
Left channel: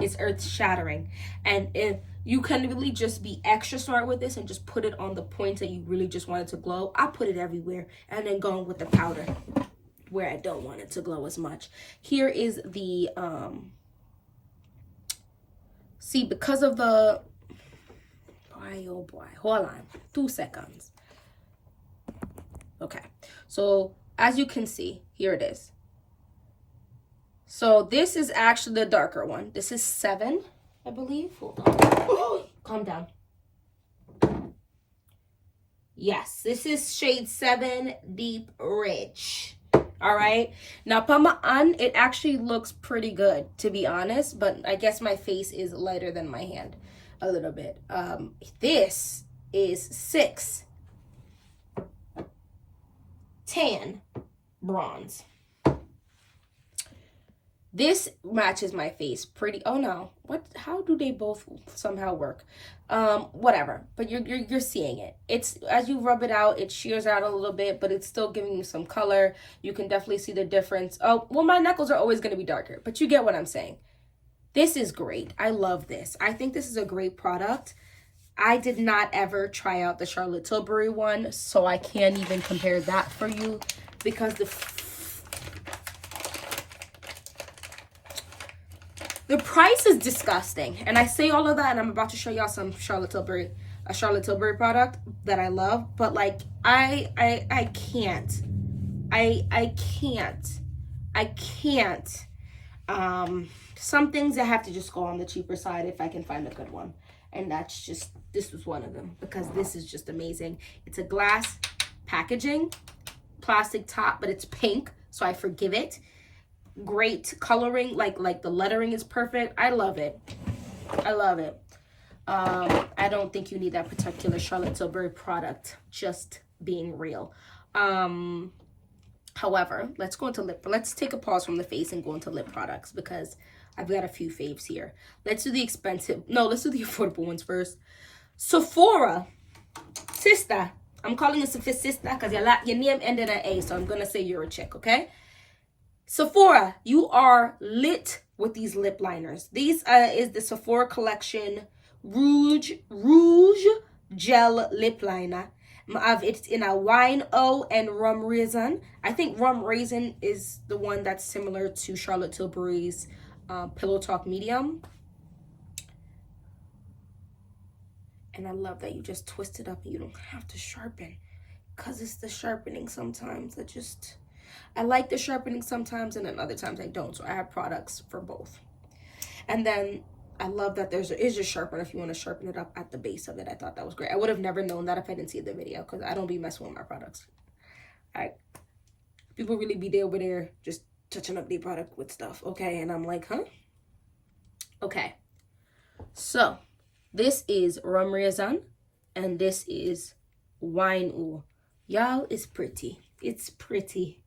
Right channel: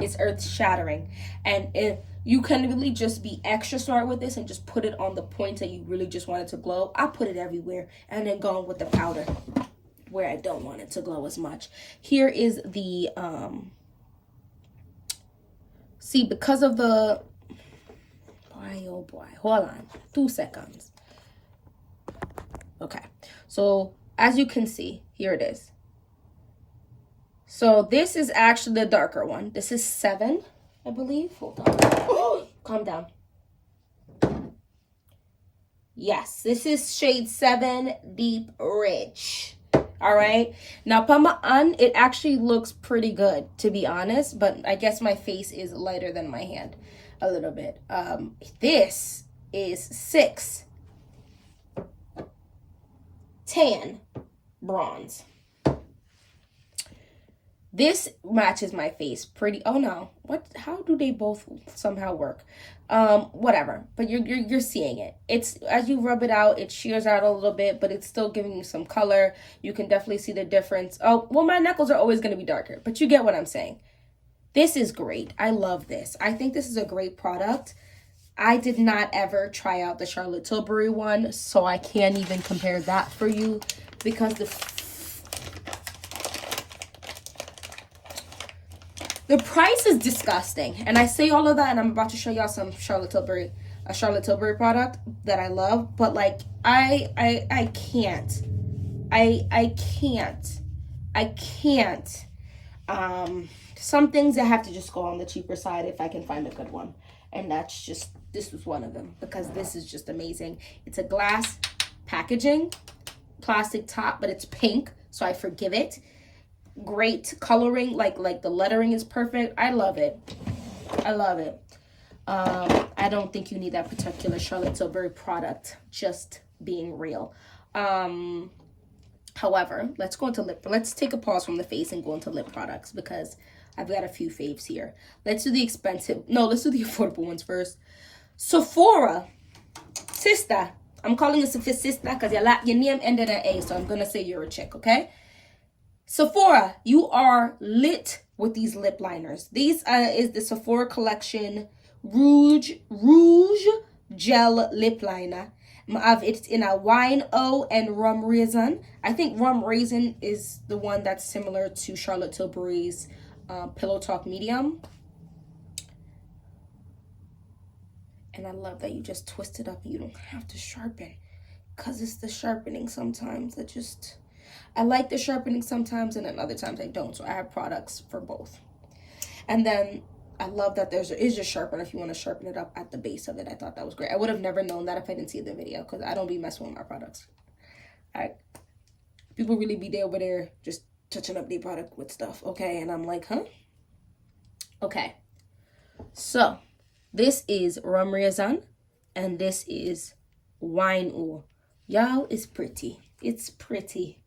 is earth-shattering. And if you can really just be extra smart with this and just put it on the points that you really just want it to glow. I put it everywhere and then go with the powder where I don't want it to glow as much. Here is the, see, because of the, oh boy, hold on 2 seconds. Okay, so as you can see, here it is. So this is actually the darker one. This is 7, I believe. Hold on. Calm down. Yes, this is shade 7, Deep Rich. All right. Now, Pamaan, it actually looks pretty good, to be honest. But I guess my face is lighter than my hand a little bit. This is 6 Tan Bronze. This matches my face pretty. Oh no, what? How do they both somehow work? Whatever. But you're seeing it. It's as you rub it out, it shears out a little bit, but it's still giving you some color. You can definitely see the difference. Oh, well, my knuckles are always going to be darker, but you get what I'm saying. This is great. I love this. I think this is a great product. I did not ever try out the Charlotte Tilbury one, so I can't even compare that for you because the price is disgusting. And I say all of that, and I'm about to show y'all some Charlotte Tilbury product that I love. But like, I can't. Some things that have to just go on the cheaper side if I can find a good one. And that's just, this was one of them because this is just amazing. It's a glass packaging, plastic top, but it's pink, so I forgive it. Great coloring, like the lettering is perfect. I love it. I love it. I don't think you need that particular Charlotte Tilbury product, just being real. However, let's go into lip. Let's take a pause from the face and go into lip products because I've got a few faves here. Let's do the expensive. No, let's do the affordable ones first. Sephora, sister. I'm calling it sister because your name ended in A, so I'm gonna say you're a chick, okay? Sephora, you are lit with these lip liners. These is the Sephora collection Rouge Gel Lip Liner. It's in a wine O and rum raisin. I think rum raisin is the one that's similar to Charlotte Tilbury's Pillow Talk Medium. And I love that you just twist it up and you don't have to sharpen. Because it's the sharpening sometimes that just... I like the sharpening sometimes, and then other times I don't. So I have products for both. And then I love that there is a sharpener if you want to sharpen it up at the base of it. I thought that was great. I would have never known that if I didn't see the video because I don't be messing with my products. People really be there over there just touching up their product with stuff, okay? And I'm like, huh? Okay. So this is rum raisin, and this is wine oil. Y'all, it's pretty. It's pretty.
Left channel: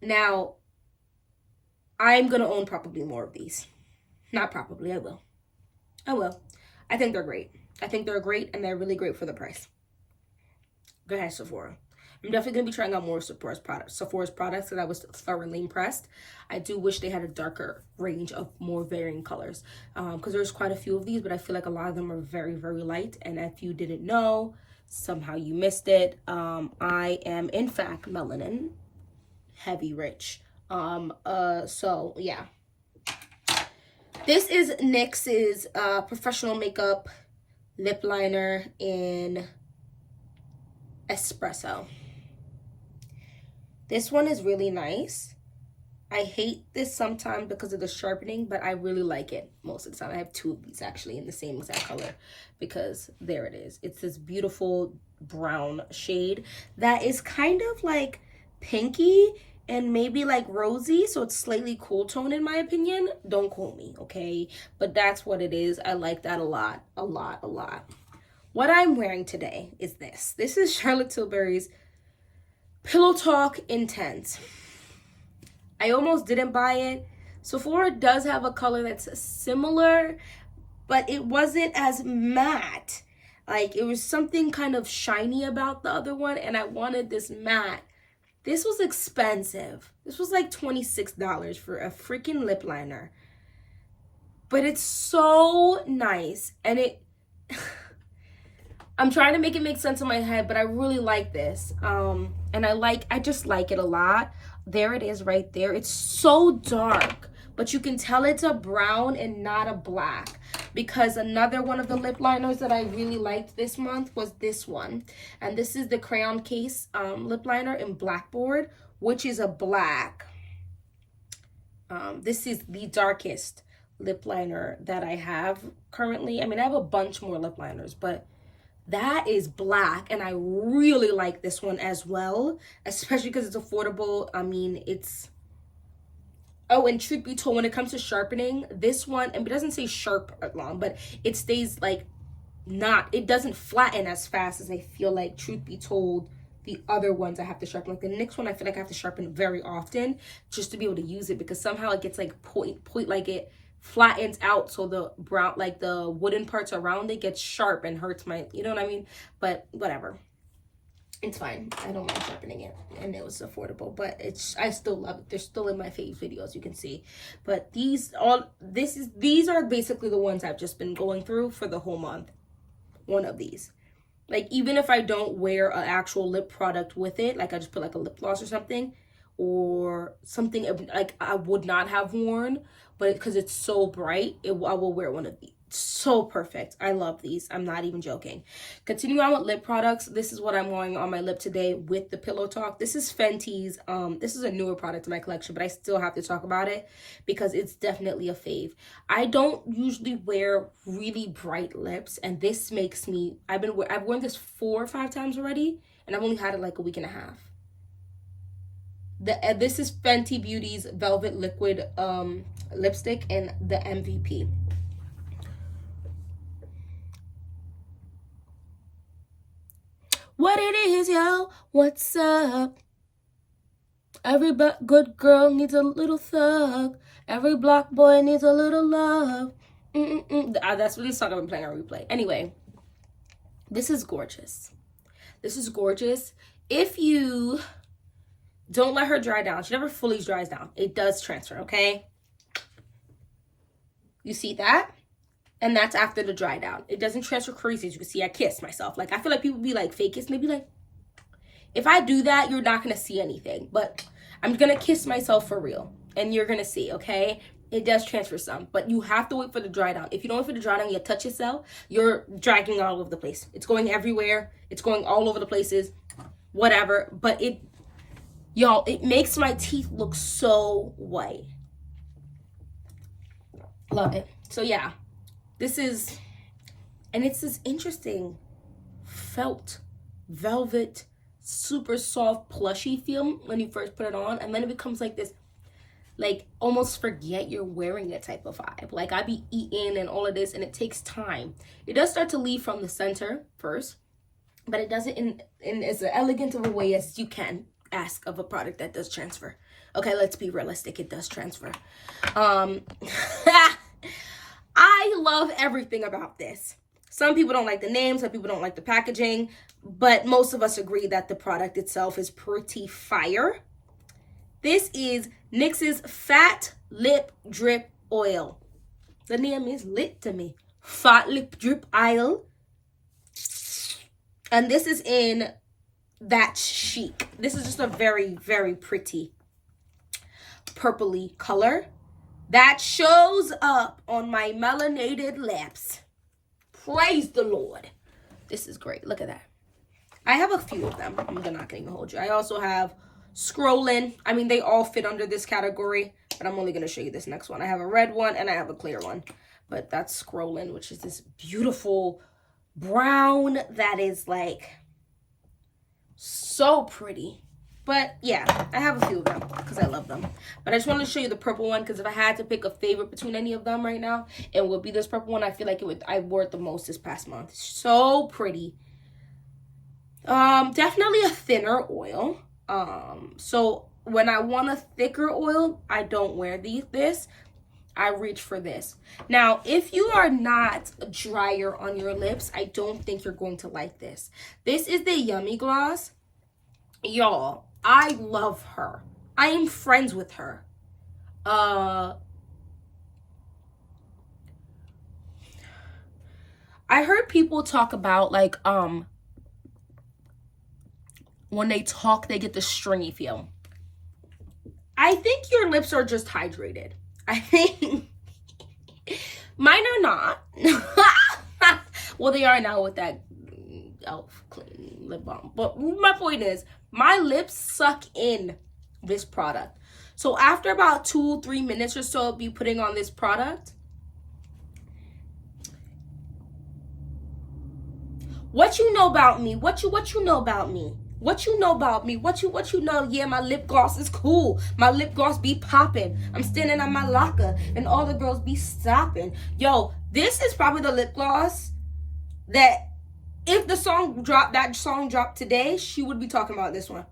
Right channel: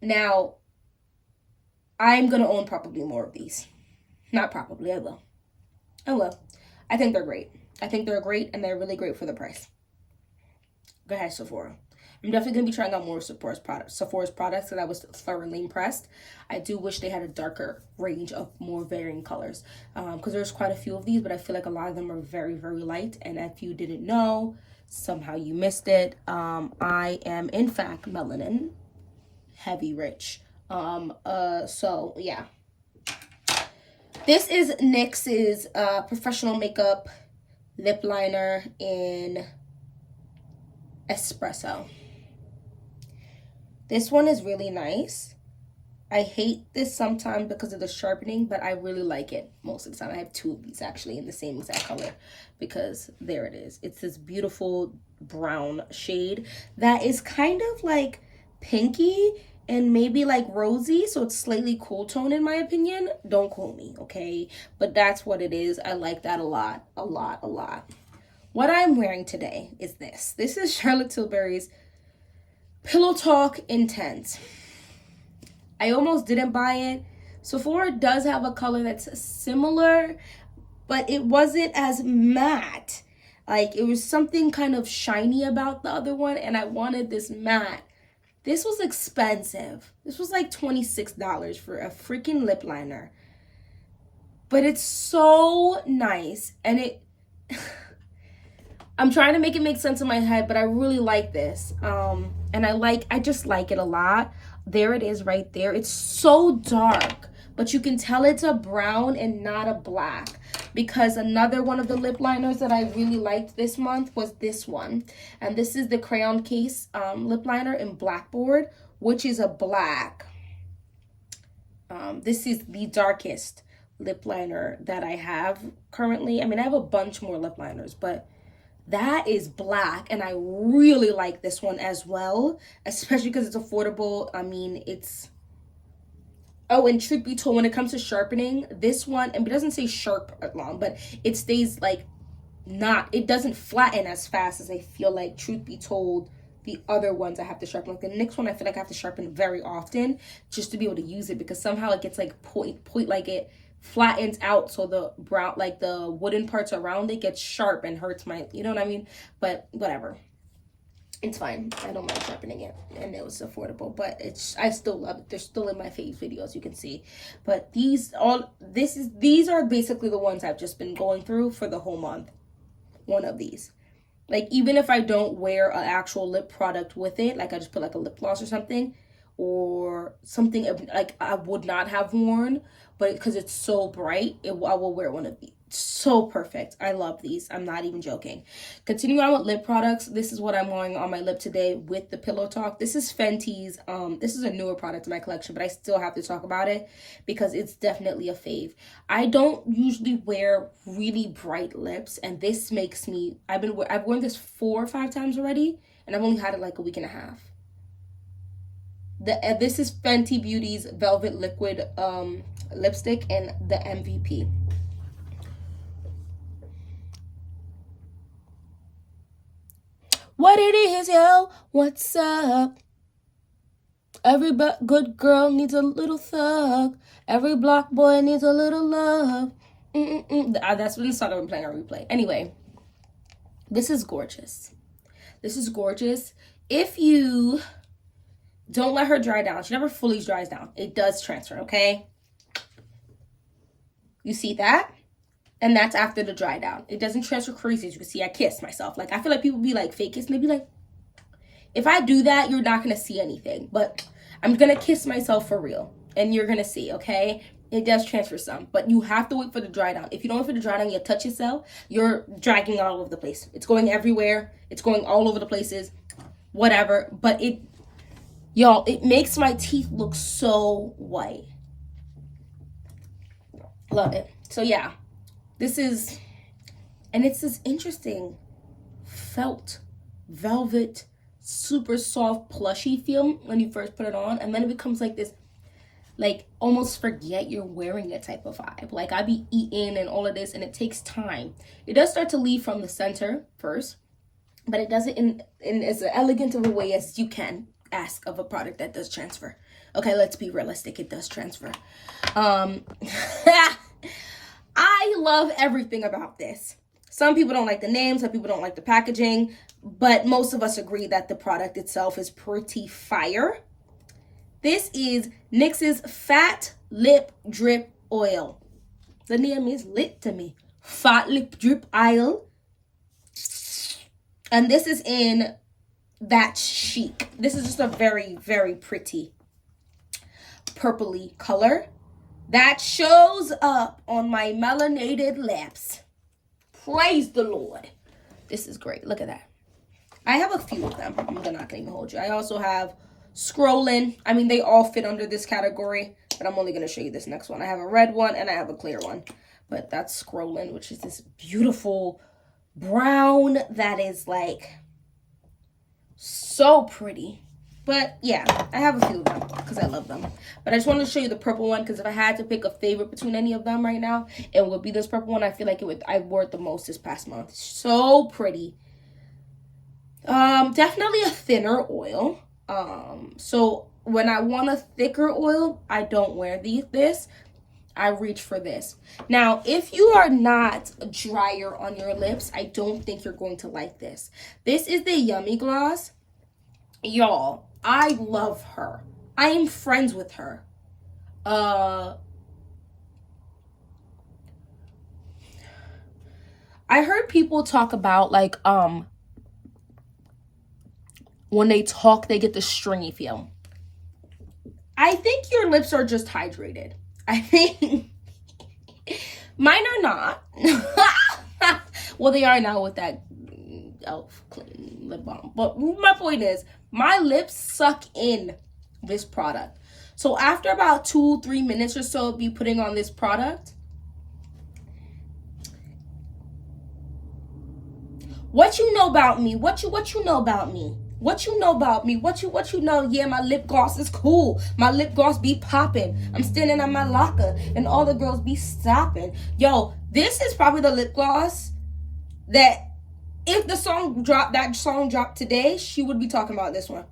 Now, I'm going to own probably more of these. Not probably, I will. I think they're great. I think they're great, and they're really great for the price. Go ahead, Sephora. I'm definitely going to be trying out more of Sephora's products because I was thoroughly impressed. I do wish they had a darker range of more varying colors because there's quite a few of these, but I feel like a lot of them are very, very light. And if you didn't know, somehow you missed it, I am in fact melanin heavy rich. So yeah. This is NYX's professional makeup lip liner in espresso. This one is really nice. I hate this sometimes because of the sharpening, but I really like it most of the time. I have two of these actually in the same exact color because there it is. It's this beautiful brown shade that is kind of like pinky and maybe like rosy, so it's slightly cool tone in my opinion. Don't quote me, okay? But that's what it is. I like that a lot, a lot, a lot. What I'm wearing today is this. This is Charlotte Tilbury's Pillow Talk Intense. I almost didn't buy it. Sephora does have a color that's similar, but it wasn't as matte. Like, it was something kind of shiny about the other one, and I wanted this matte. This was expensive. This was like $26 for a freaking lip liner. But it's so nice. And it... I'm trying to make it make sense in my head, but I really like this. And I just like it a lot. There it is right there. It's so dark, but you can tell it's a brown and not a black. Because another one of the lip liners that I really liked this month was this one. And this is the Crayon Case lip liner in Blackboard, which is a black. This is the darkest lip liner that I have currently. I mean, I have a bunch more lip liners, but that is black, and I really like this one as well, especially because it's affordable. I mean, it's... Oh, and truth be told, when it comes to sharpening, this one, and it doesn't say sharp long, but it stays like not, it doesn't flatten as fast as I feel like, truth be told, the other ones I have to sharpen. Like the next one, I feel like I have to sharpen very often just to be able to use it, because somehow it gets like point, like it flattens out, so the brown, like the wooden parts around it gets sharp and hurts my, you know what I mean? But whatever, it's fine. I don't mind sharpening it, and it was affordable, but it's, I still love it. They're still in my fave videos, you can see. But these are basically the ones I've just been going through for the whole month. One of these, like, even if I don't wear an actual lip product with it, like I just put like a lip gloss or something like I would not have worn, but because it's so bright, I will wear one of these. So perfect. I love these. I'm not even joking. Continuing on with lip products, this is what I'm wearing on my lip today with the Pillow Talk. This is Fenty's. This is a newer product in my collection, but I still have to talk about it because it's definitely a fave. I don't usually wear really bright lips, and this makes me, I've worn this 4 or 5 times already, and I've only had it like a week and a half. This is Fenty Beauty's Velvet Liquid lipstick and the MVP. What it is, yo? What's up? Every good girl needs a little thug. Every block boy needs a little love. That's what the song I've been playing on replay. Anyway, this is gorgeous. This is gorgeous. If you don't let her dry down, she never fully dries down. It does transfer, okay? You see that? And that's after the dry down. It doesn't transfer crazy. As you can see, I kissed myself. Like, I feel like people be like, fake kiss. And they be like, if I do that, you're not going to see anything. But I'm going to kiss myself for real. And you're going to see, okay? It does transfer some. But you have to wait for the dry down. If you don't wait for the dry down, you touch yourself, you're dragging all over the place. It's going everywhere. It's going all over the places. Whatever. But y'all, it makes my teeth look so white. Love it. So, yeah. This is, and it's this interesting felt, velvet, super soft, plushy feel when you first put it on. And then it becomes like this, like, almost forget you're wearing it type of vibe. Like, I be eating and all of this, and it takes time. It does start to leave from the center first, but it does it in as elegant of a way as you can ask of a product that does transfer. Okay, let's be realistic. It does transfer. I love everything about this. Some people don't like the name, some people don't like the packaging, but most of us agree that the product itself is pretty fire. This is NYX's Fat Lip Drip Oil. The name is lit to me. Fat Lip Drip Oil. And this is in that chic. This is just a very, very pretty purpley color that shows up on my melanated lips. Praise the Lord. This is great. Look at that. I have a few of them. I'm not gonna even hold you. I also have Scrolling. I mean, they all fit under this category, but I'm only gonna show you this next one. I have a red one and I have a clear one, but that's Scrolling, which is this beautiful brown that is like so pretty. But yeah, I have a few of them because I love them. But I just wanted to show you the purple one because if I had to pick a favorite between any of them right now, it would be this purple one. I feel like I wore it the most this past month. So pretty. Definitely a thinner oil. So when I want a thicker oil, I don't wear this. I reach for this. Now, if you are not drier on your lips, I don't think you're going to like this. This is the Yummy Gloss. Y'all, I love her. I am friends with her. I heard people talk about like when they talk they get the stringy feel. I think your lips are just hydrated. I think mine are not. Well, they are now with that elf clean lip balm. But my point is, my lips suck in this product. So after about 2-3 minutes or so of me putting on this product, what you know about me? What you know about me? What you know about me? What you know? Yeah, my lip gloss is cool. My lip gloss be popping. I'm standing on my locker and all the girls be stopping. Yo, this is probably the lip gloss that if that song dropped today, she would be talking about this one.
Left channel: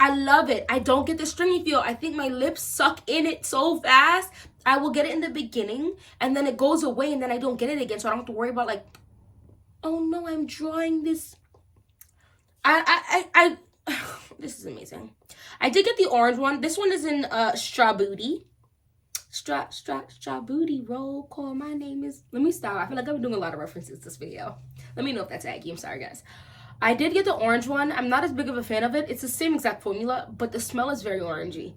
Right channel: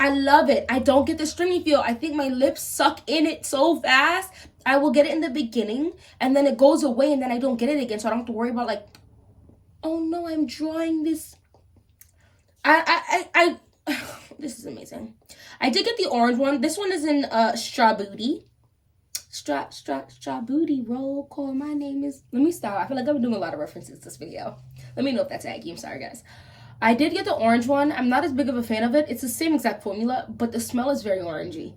I love it. I don't get the stringy feel. I think my lips suck in it so fast. I will get it in the beginning and then it goes away and then I don't get it again. So I don't have to worry about like, oh no, I'm drawing this. This is amazing. I did get the orange one. This one is in Straw Booty. Straw Booty roll call. My name is. Let me stop. I feel like I'm doing a lot of references this video. Let me know if that's aggy. I'm sorry, guys. I did get the orange one. I'm not as big of a fan of it. It's the same exact formula, but the smell is very orangey.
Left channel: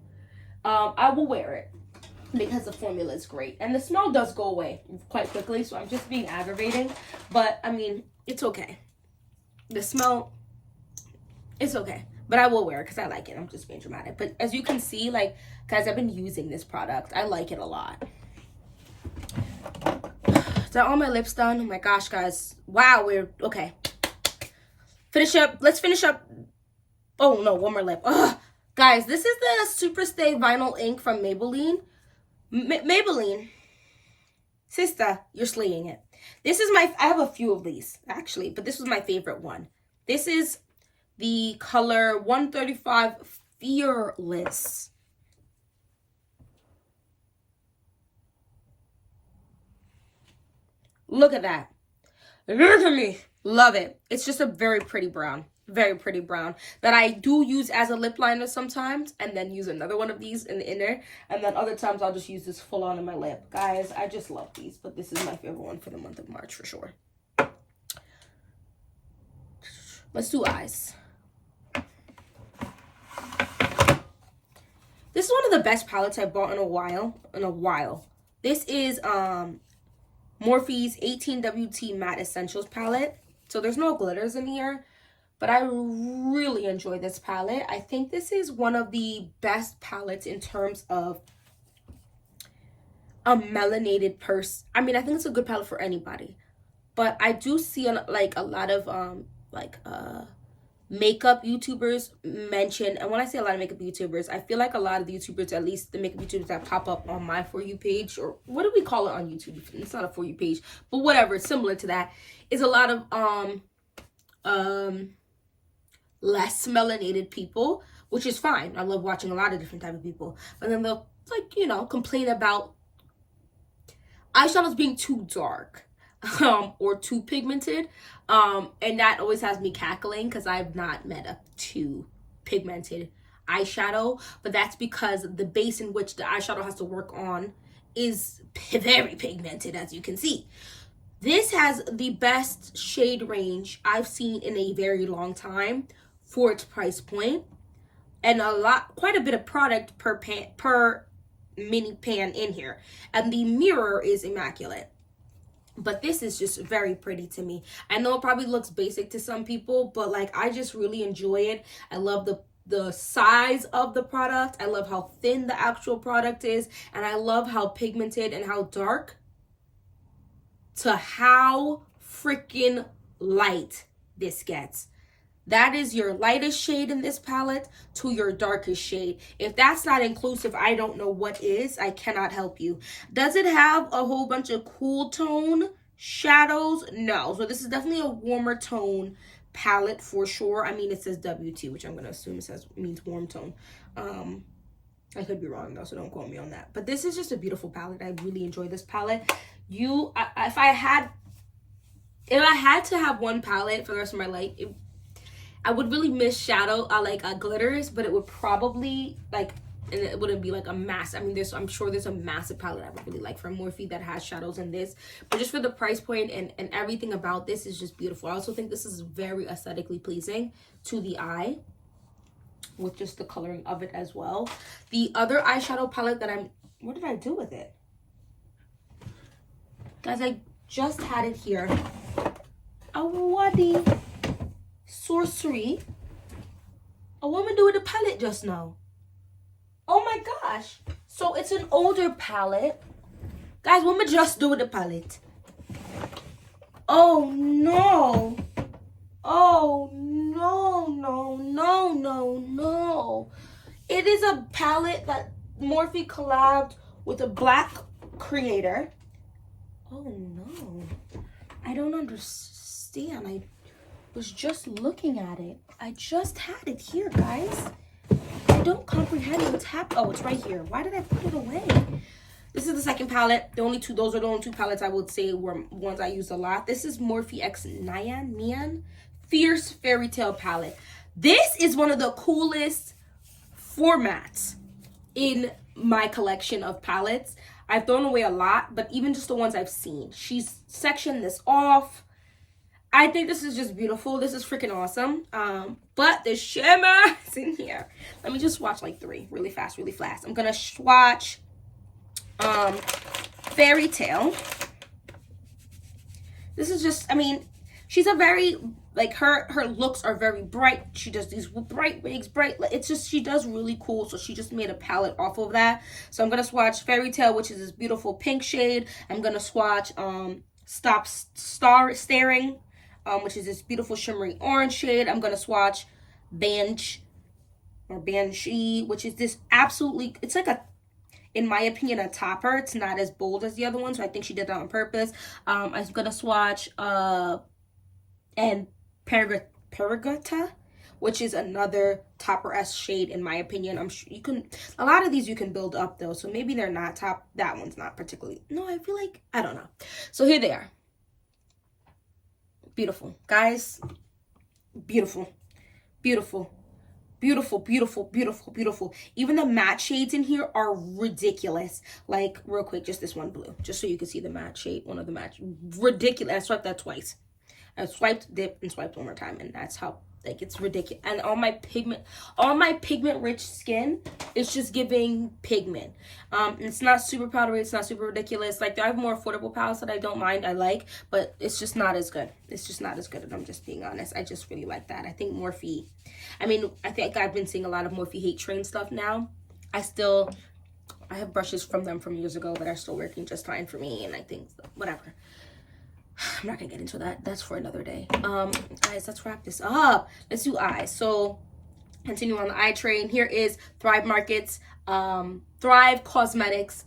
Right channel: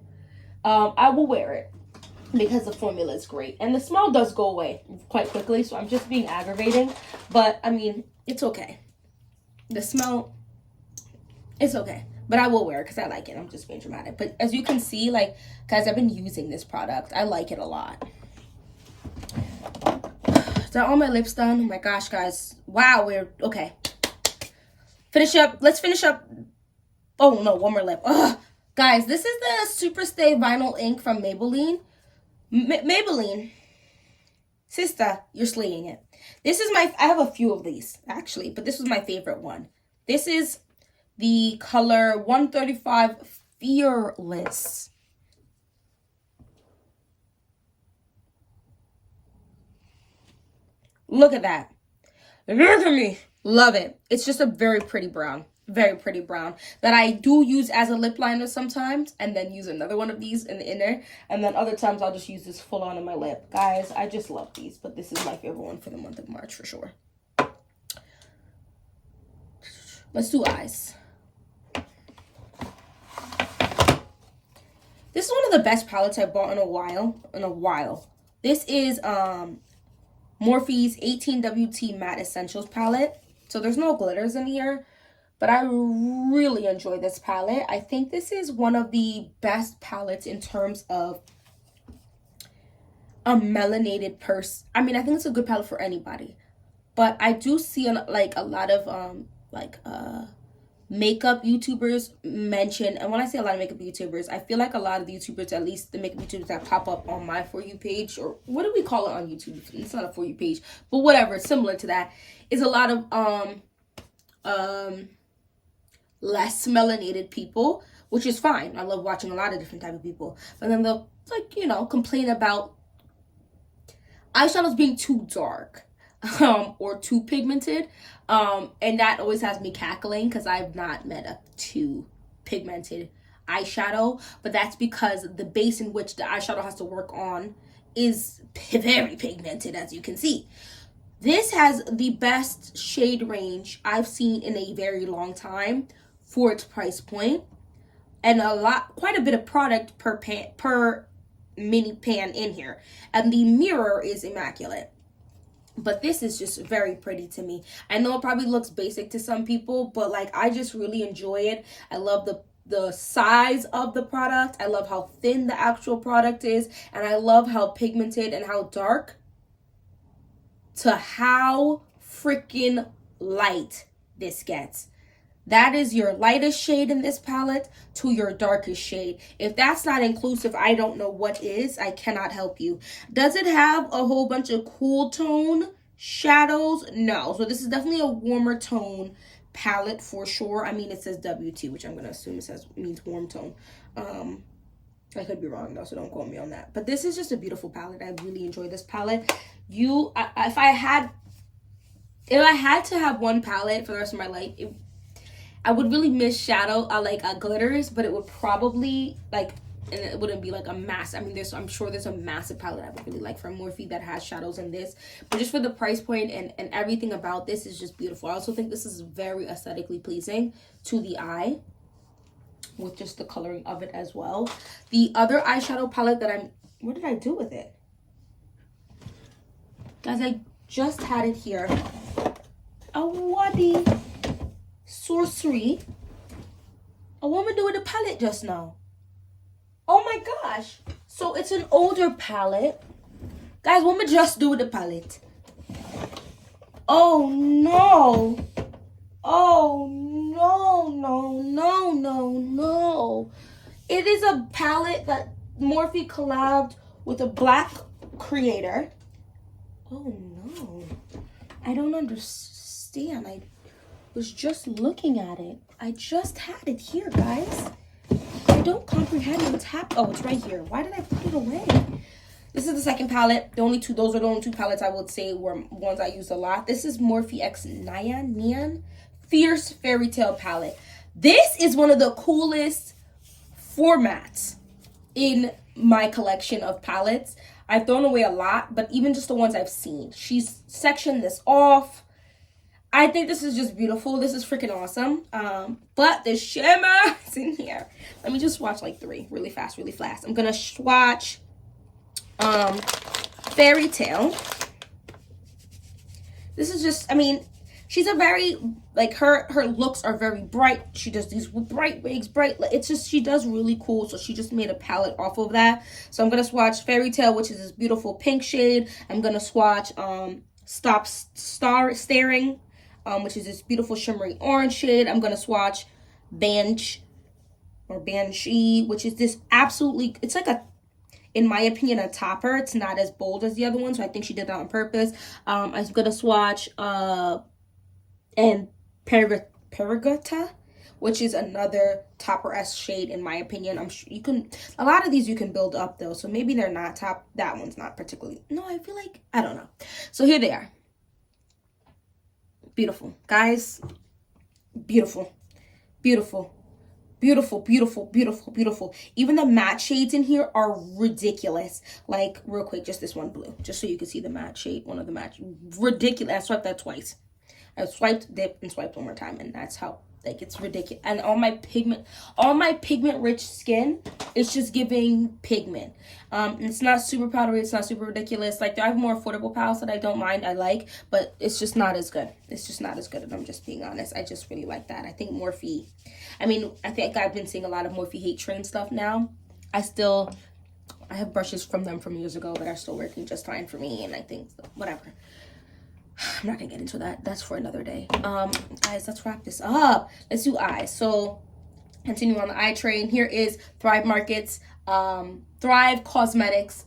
I will wear it because the formula is great. And the smell does go away quite quickly, so I'm just being aggravating. But, I mean, it's okay. The smell, it's okay. But I will wear it because I like it. I'm just being dramatic. But as you can see, like, guys, I've been using this product. I like it a lot. Is that all my lips done? Oh my gosh, guys. Wow, we're, okay. Finish up. Let's finish up. Oh, no, one more lip. Ugh. Guys, this is the Super Stay Vinyl Ink from Maybelline. Maybelline. Sister, you're slaying it. This is I have a few of these, actually, but this was my favorite one. This is the color 135 Fearless. Look at that. Look at me. Love it. It's just a very pretty brown. Very pretty brown that I do use as a lip liner sometimes and then use another one of these in the inner, and then other times I'll just use this full on in my lip. Guys, I just love these, but this is my favorite one for the month of March for sure. Let's do eyes. This is one of the best palettes I've bought in a while. This is Morphe's 18WT Matte Essentials palette. So there's no glitters in here, but I really enjoy this palette. I think this is one of the best palettes in terms of a melanated person. I mean, I think it's a good palette for anybody. But I do see a lot of makeup YouTubers mention, and when I say a lot of makeup YouTubers, I feel like a lot of the YouTubers, at least the makeup YouTubers that pop up on my For You page, or what do we call it on YouTube? It's not a For You page, but whatever, similar to that, is a lot of less melanated people, which is fine. I love watching a lot of different type of people, but then they'll complain about eyeshadows being too dark or too pigmented, and that always has me cackling because I've not met a too pigmented eyeshadow, but that's because the base in which the eyeshadow has to work on is very pigmented, as you can see. This has the best shade range I've seen in a very long time for its price point, and quite a bit of product per mini pan in here, and the mirror is immaculate. But this is just very pretty to me. I know it probably looks basic to some people, but like, I just really enjoy it. I love the size of the product. I love how thin the actual product is, and I love how pigmented and how dark to how freaking light this gets. That is your lightest shade in this palette to your darkest shade. If that's not inclusive, I don't know what is. I cannot help you. Does it have a whole bunch of cool tone shadows? No. So this is definitely a warmer tone palette for sure. I mean, it says WT, which I'm going to assume it means warm tone. I could be wrong though, so don't quote me on that. But this is just a beautiful palette. I really enjoy this palette. If I had to have one palette for the rest of my life, I would really miss shadow. I like glitters, but it would probably and it wouldn't be like a mass. I mean, I'm sure there's a massive palette I would really like from Morphe that has shadows in this. But just for the price point and everything about this is just beautiful. I also think this is very aesthetically pleasing to the eye, with just the coloring of it as well. The other eyeshadow palette that what did I do with it? Guys, I just had it here. Oh, Waddy. Sorcery. A woman do with a palette just now. Oh my gosh. So it's an older palette. Guys, what am I just do with the palette? Oh no. Oh no, no, no, no, no. It is a palette that Morphe collabed with a black creator. Oh no. I don't understand. I was just looking at it. I just had it here, guys. I don't comprehend what's happening. Oh, it's right here. Why did I put it away? This is the second palette. Those are the only two palettes I would say were ones I used a lot. This is Morphe X Nyan Fierce Fairy Tale palette. This is one of the coolest formats in my collection of palettes. I've thrown away a lot, but even just the ones I've seen. She's sectioned this off. I think this is just beautiful. This is freaking awesome. But the shimmer is in here. Let me just swatch like three really fast, really fast. I'm gonna swatch Fairy Tale. This is just, I mean, she's a very, like, her looks are very bright. She does these bright wigs, it's just, she does really cool. So she just made a palette off of that. So I'm gonna swatch Fairy Tale, which is this beautiful pink shade. I'm gonna swatch Stop Staring, which is this beautiful shimmery orange shade. I'm gonna swatch Banshee, which is this absolutely, it's like a, in my opinion, a topper. It's not as bold as the other one, so I think she did that on purpose. I'm gonna swatch and Perigata, which is another topper-esque shade in my opinion. I'm sure you can, a lot of these you can build up though, so maybe they're not top. That one's not particularly, no, I feel like, I don't know. So here they are. Beautiful, guys. Beautiful, beautiful, beautiful, beautiful, beautiful, beautiful. Even the matte shades in here are ridiculous. Like, real quick, just this one blue, just so you can see the matte shade. One of the matte, ridiculous. I swiped that twice. I swiped, dipped, and swiped one more time, and that's how, like, it's ridiculous. And all my pigment rich skin is just giving pigment. It's not super powdery, it's not super ridiculous. Like, I have more affordable palettes that I don't mind, I like, but it's just not as good. It's just not as good, and I'm just being honest. I just really like that. I think Morphe, I mean, I think I've been seeing a lot of Morphe hate train stuff now. I have brushes from them from years ago that are still working just fine for me, and I think, whatever. I'm not gonna get into that. That's for another day. Guys, let's wrap this up. Let's do eyes. So, continue on the eye train. Here is Thrive Markets, Thrive Cosmetics,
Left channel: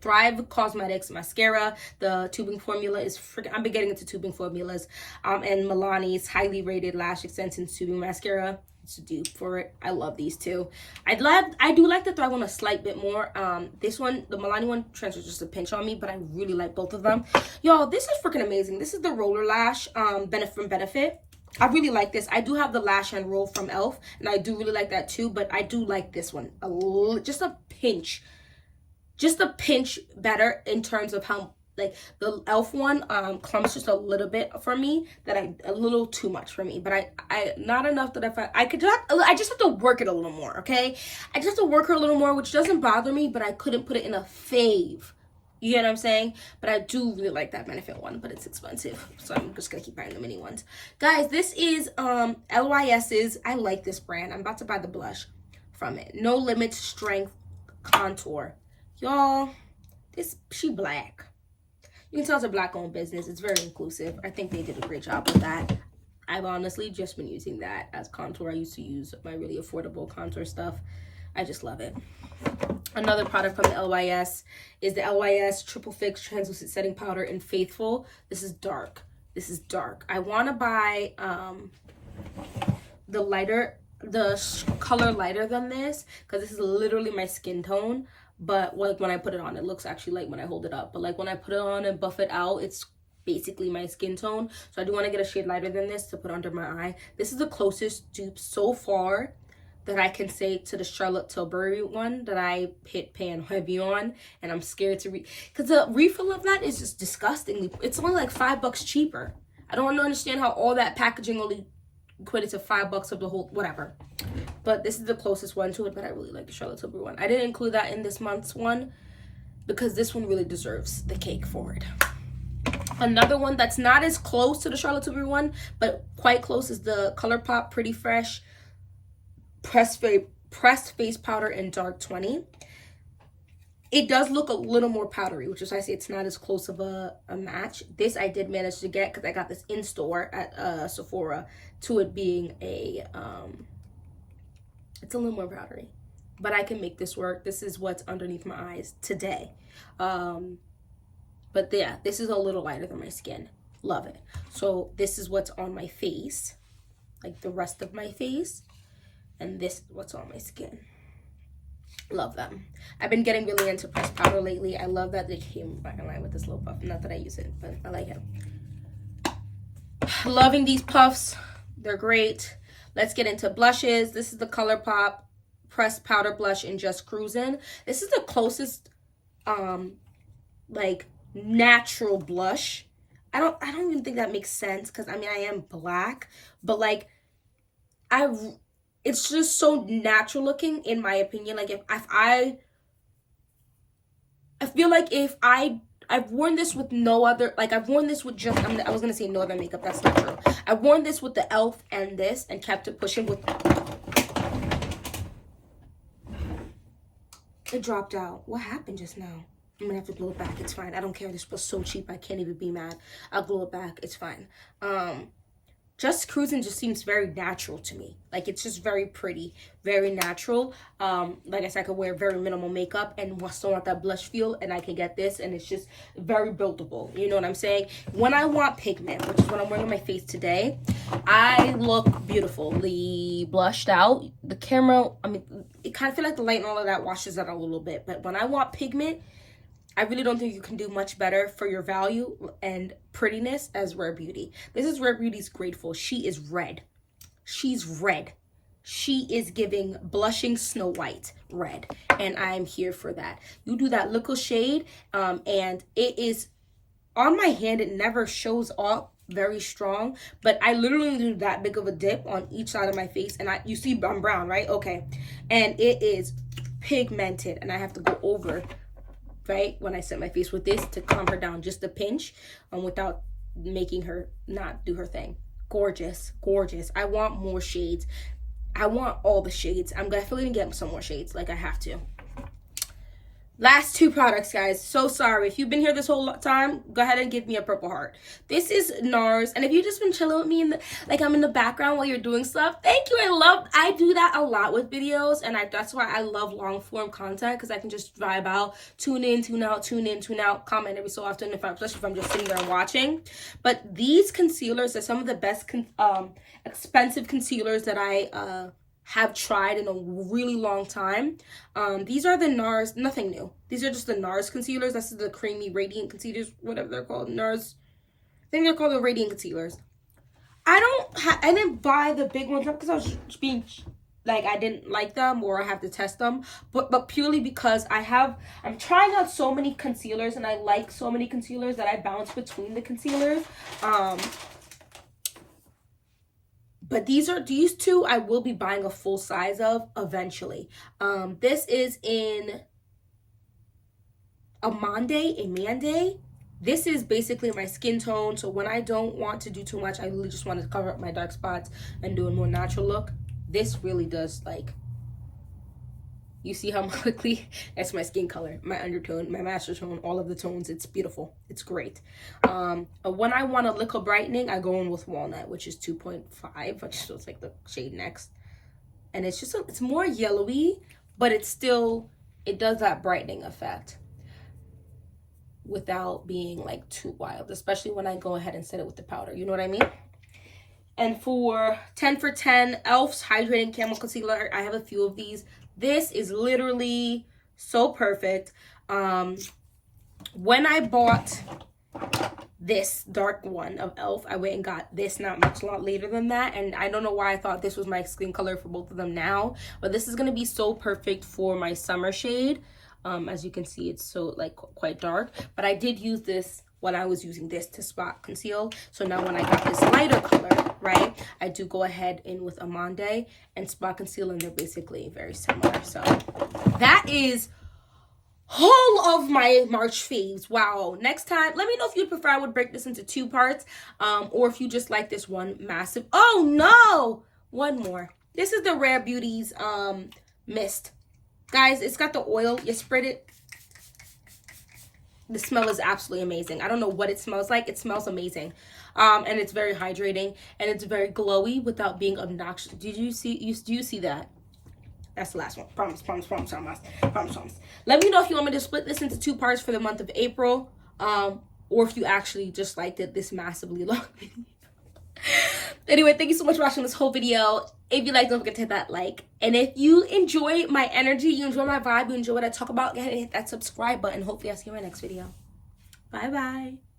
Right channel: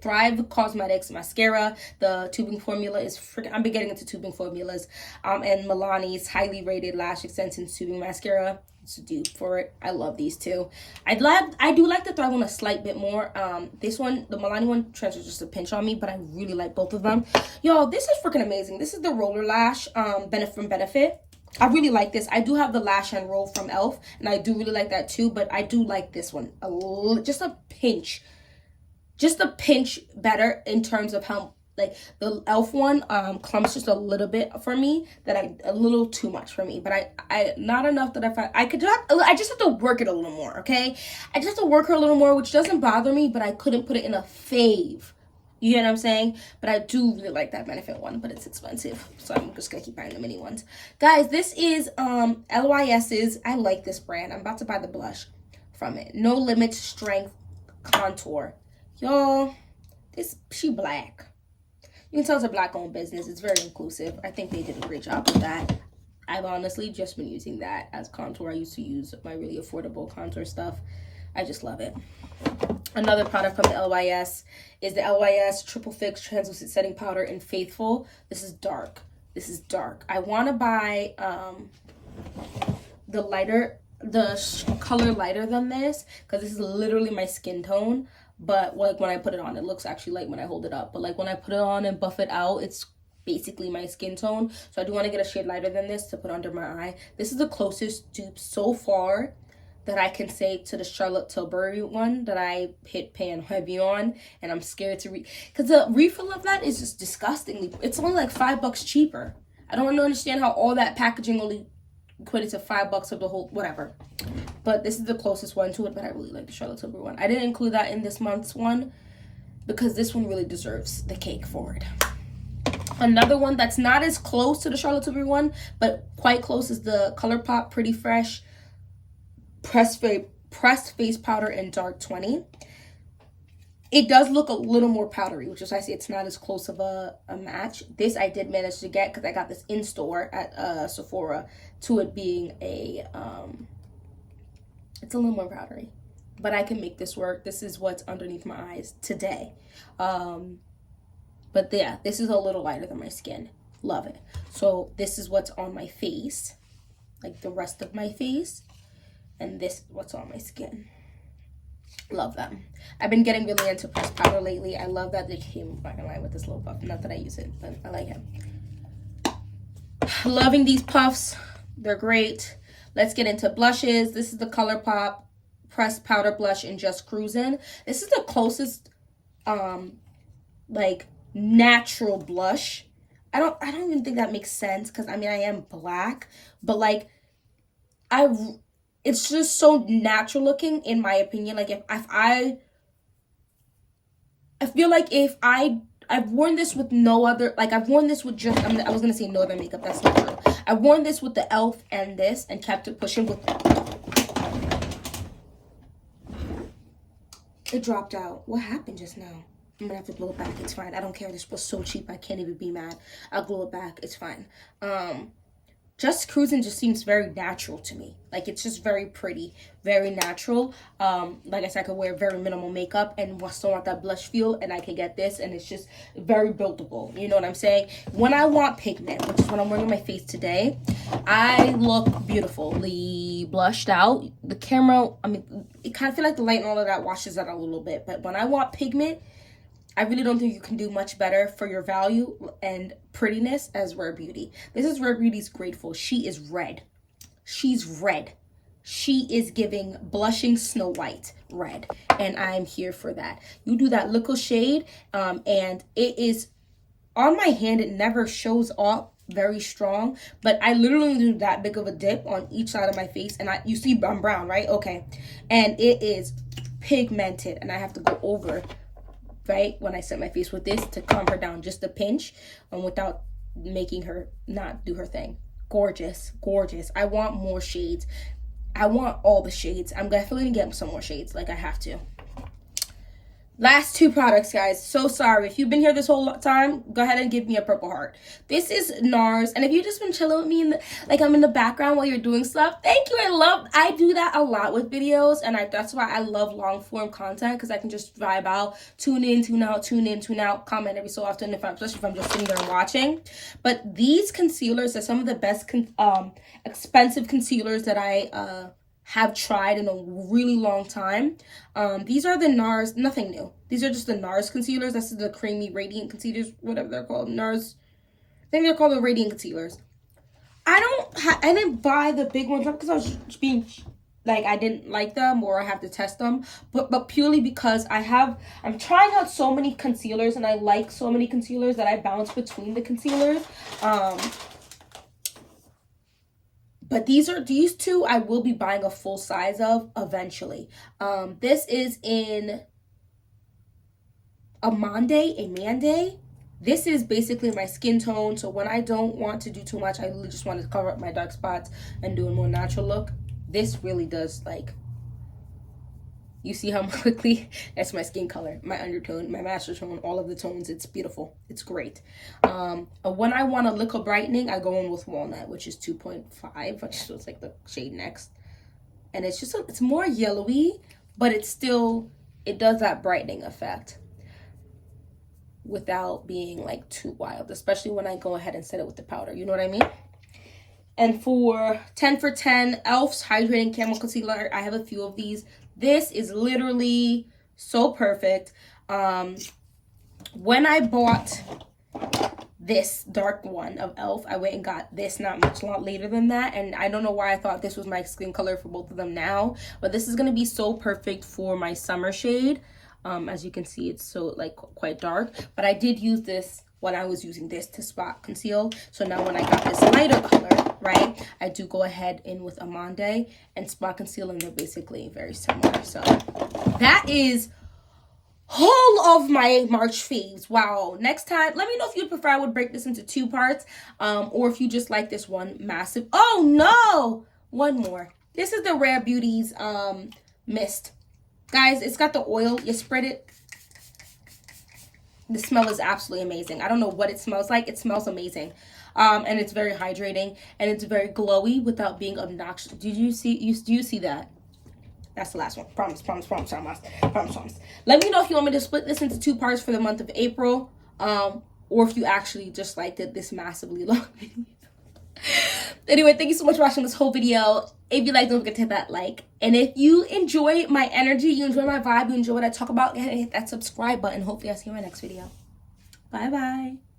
Thrive Cosmetics mascara. The tubing formula is freaking, I've been getting into tubing formulas. And Milani's highly rated lash extension tubing mascara. It's a dupe for it. I love these two. I do like the Thrive one a slight bit more. This one, the Milani one, transfers just a pinch on me, but I really like both of them. Yo, this is freaking amazing. This is the roller lash Benefit. I really like this. I do have the lash and roll from e.l.f. and I do really like that too, but I do like this one just a pinch better in terms of how like the e.l.f. one clumps just a little bit for me, a little too much for me, but I not enough that I just have to work it a little more, okay? I just have to work her a little more, which doesn't bother me, but I couldn't put it in a fave. You get what I'm saying? But I do really like that Benefit one, but it's expensive, so I'm just gonna keep buying the mini ones. Guys, this is LYS's. I like this brand. I'm about to buy the blush from it. No Limit Strength Contour. Y'all, she black. You can tell it's a black-owned business. It's very inclusive. I think they did a great job with that. I've honestly just been using that as contour. I used to use my really affordable contour stuff. I just love it. Another product from the LYS is the LYS Triple Fix Translucent Setting Powder in Faithful. This is dark. This is dark. I want to buy the color lighter than this, because this is literally my skin tone. But like when I put it on, it looks actually light when I hold it up. But like when I put it on and buff it out, it's basically my skin tone. So I do want to get a shade lighter than this to put under my eye. This is the closest dupe so far that I can say to the Charlotte Tilbury one that I hit pan heavy on, and I'm scared to because the refill of that is just disgustingly. It's only like $5 cheaper. I don't understand how all that packaging only equated to $5 of the whole whatever. But this is the closest one to it, but I really like the Charlotte Tilbury one. I didn't include that in this month's one because this one really deserves the cake for it. Another one that's not as close to the Charlotte Tilbury one, but quite close, is the ColourPop Pretty Fresh pressed face powder in dark 20. It does look a little more powdery, which is why I say it's not as close of a match. This I did manage to get because I got this in store at Sephora, to it being a it's a little more powdery, but I can make this work. This is what's underneath my eyes today. But yeah, this is a little lighter than my skin. Love it. So this is what's on my face, like the rest of my face, and this is what's on my skin. Love them. I've been getting really into pressed powder lately. I love that they came back in line with this little puff. Not that I use it, but I like it. Loving these puffs. They're great. Let's get into blushes. This is the ColourPop pressed powder blush in Just Cruisin'. This is the closest like natural blush. I don't even think that makes sense, because I mean I am black, but like it's just so natural looking in my opinion. Like if I feel like if I've worn this with no other, like I've worn this with just, I was gonna say no other makeup, that's not true. I've worn this with the e.l.f. and this and kept it pushing with, it dropped out. What happened just now? I'm gonna have to glue it back. It's fine. I don't care. This was so cheap. I can't even be mad. I'll glue it back. It's fine. Just Cruisin' just seems very natural to me. Like it's just very pretty, very natural. Like I said, I could wear very minimal makeup and still want that blush feel, and I can get this, and it's just very buildable. You know what I'm saying? When I want pigment, which is what I'm wearing on my face today, I look beautifully blushed out. The camera, I mean, it kind of feel like the light and all of that washes out a little bit, but when I want pigment, I really don't think you can do much better for your value and prettiness as Rare Beauty. This is Rare Beauty's Grateful. She is red. She's red. She is giving blushing Snow White red, and I'm here for that. You do that little shade, and it is on my hand. It never shows up very strong, but I literally do that big of a dip on each side of my face, and you see I'm brown, right? Okay, and it is pigmented, and I have to go over, right, when I set my face with this to calm her down just a pinch, without making her not do her thing. Gorgeous, gorgeous. I want more shades. I want all the shades. I'm definitely gonna get some more shades, like I have to. Last two products, guys. So sorry. If you've been here this whole time, go ahead and give me a purple heart. This is NARS. And if you've just been chilling with me, like I'm in the background while you're doing stuff, thank you. I do that a lot with videos. And that's why I love long form content, because I can just vibe out, tune in, tune out, tune in, tune out, comment every so often, especially if I'm just sitting there and watching. But these concealers are some of the best expensive concealers that I have tried in a really long time. These are the NARS, nothing new. These are just the NARS concealers. This is the creamy radiant concealers, whatever they're called. NARS, I think they're called the radiant concealers. I didn't buy the big ones up because I was just being like I didn't like them or I have to test them, but purely because I'm trying out so many concealers, and I like so many concealers that I bounce between the concealers. But these two I will be buying a full size of eventually. This is in Amande. This is basically my skin tone, so when I don't want to do too much, I really just want to cover up my dark spots and do a more natural look. This really does, like, you see how quickly, that's my skin color, my undertone, my master tone, all of the tones. It's beautiful. It's great. When I want a liquid brightening, I go in with Walnut, which is 2.5, which is like the shade next. And it's just, it's more yellowy, but it does that brightening effect without being like too wild, especially when I go ahead and set it with the powder. You know what I mean? And for 10 for 10, e.l.f.'s Hydrating Camo Concealer, I have a few of these. This is literally so perfect. When I bought this dark one of e.l.f., I went and got this not much later than that, and I don't know why I thought this was my skin color for both of them now, but this is going to be so perfect for my summer shade. As you can see, it's so like quite dark, but I did use this when I was using this to spot conceal. So now when I got this lighter color, right, I do go ahead in with Amande and spot conceal, and they're basically very similar. So that is whole of my March faves. Wow. Next time, let me know if you'd prefer I would break this into 2 parts, or if you just like this one massive. Oh no, one more. This is the Rare Beauties mist. Guys, it's got the oil. You spread it. The smell is absolutely amazing. I don't know what it smells like. It smells amazing. And it's very hydrating, and it's very glowy without being obnoxious. Do you see that? That's the last one. Promise. Let me know if you want me to split this into 2 parts for the month of April, or if you actually just liked it this massively long video. Anyway, thank you so much for watching this whole video. If you like, don't forget to hit that like. And if you enjoy my energy, you enjoy my vibe, you enjoy what I talk about, go ahead and hit that subscribe button. Hopefully I'll see you in my next video. Bye bye.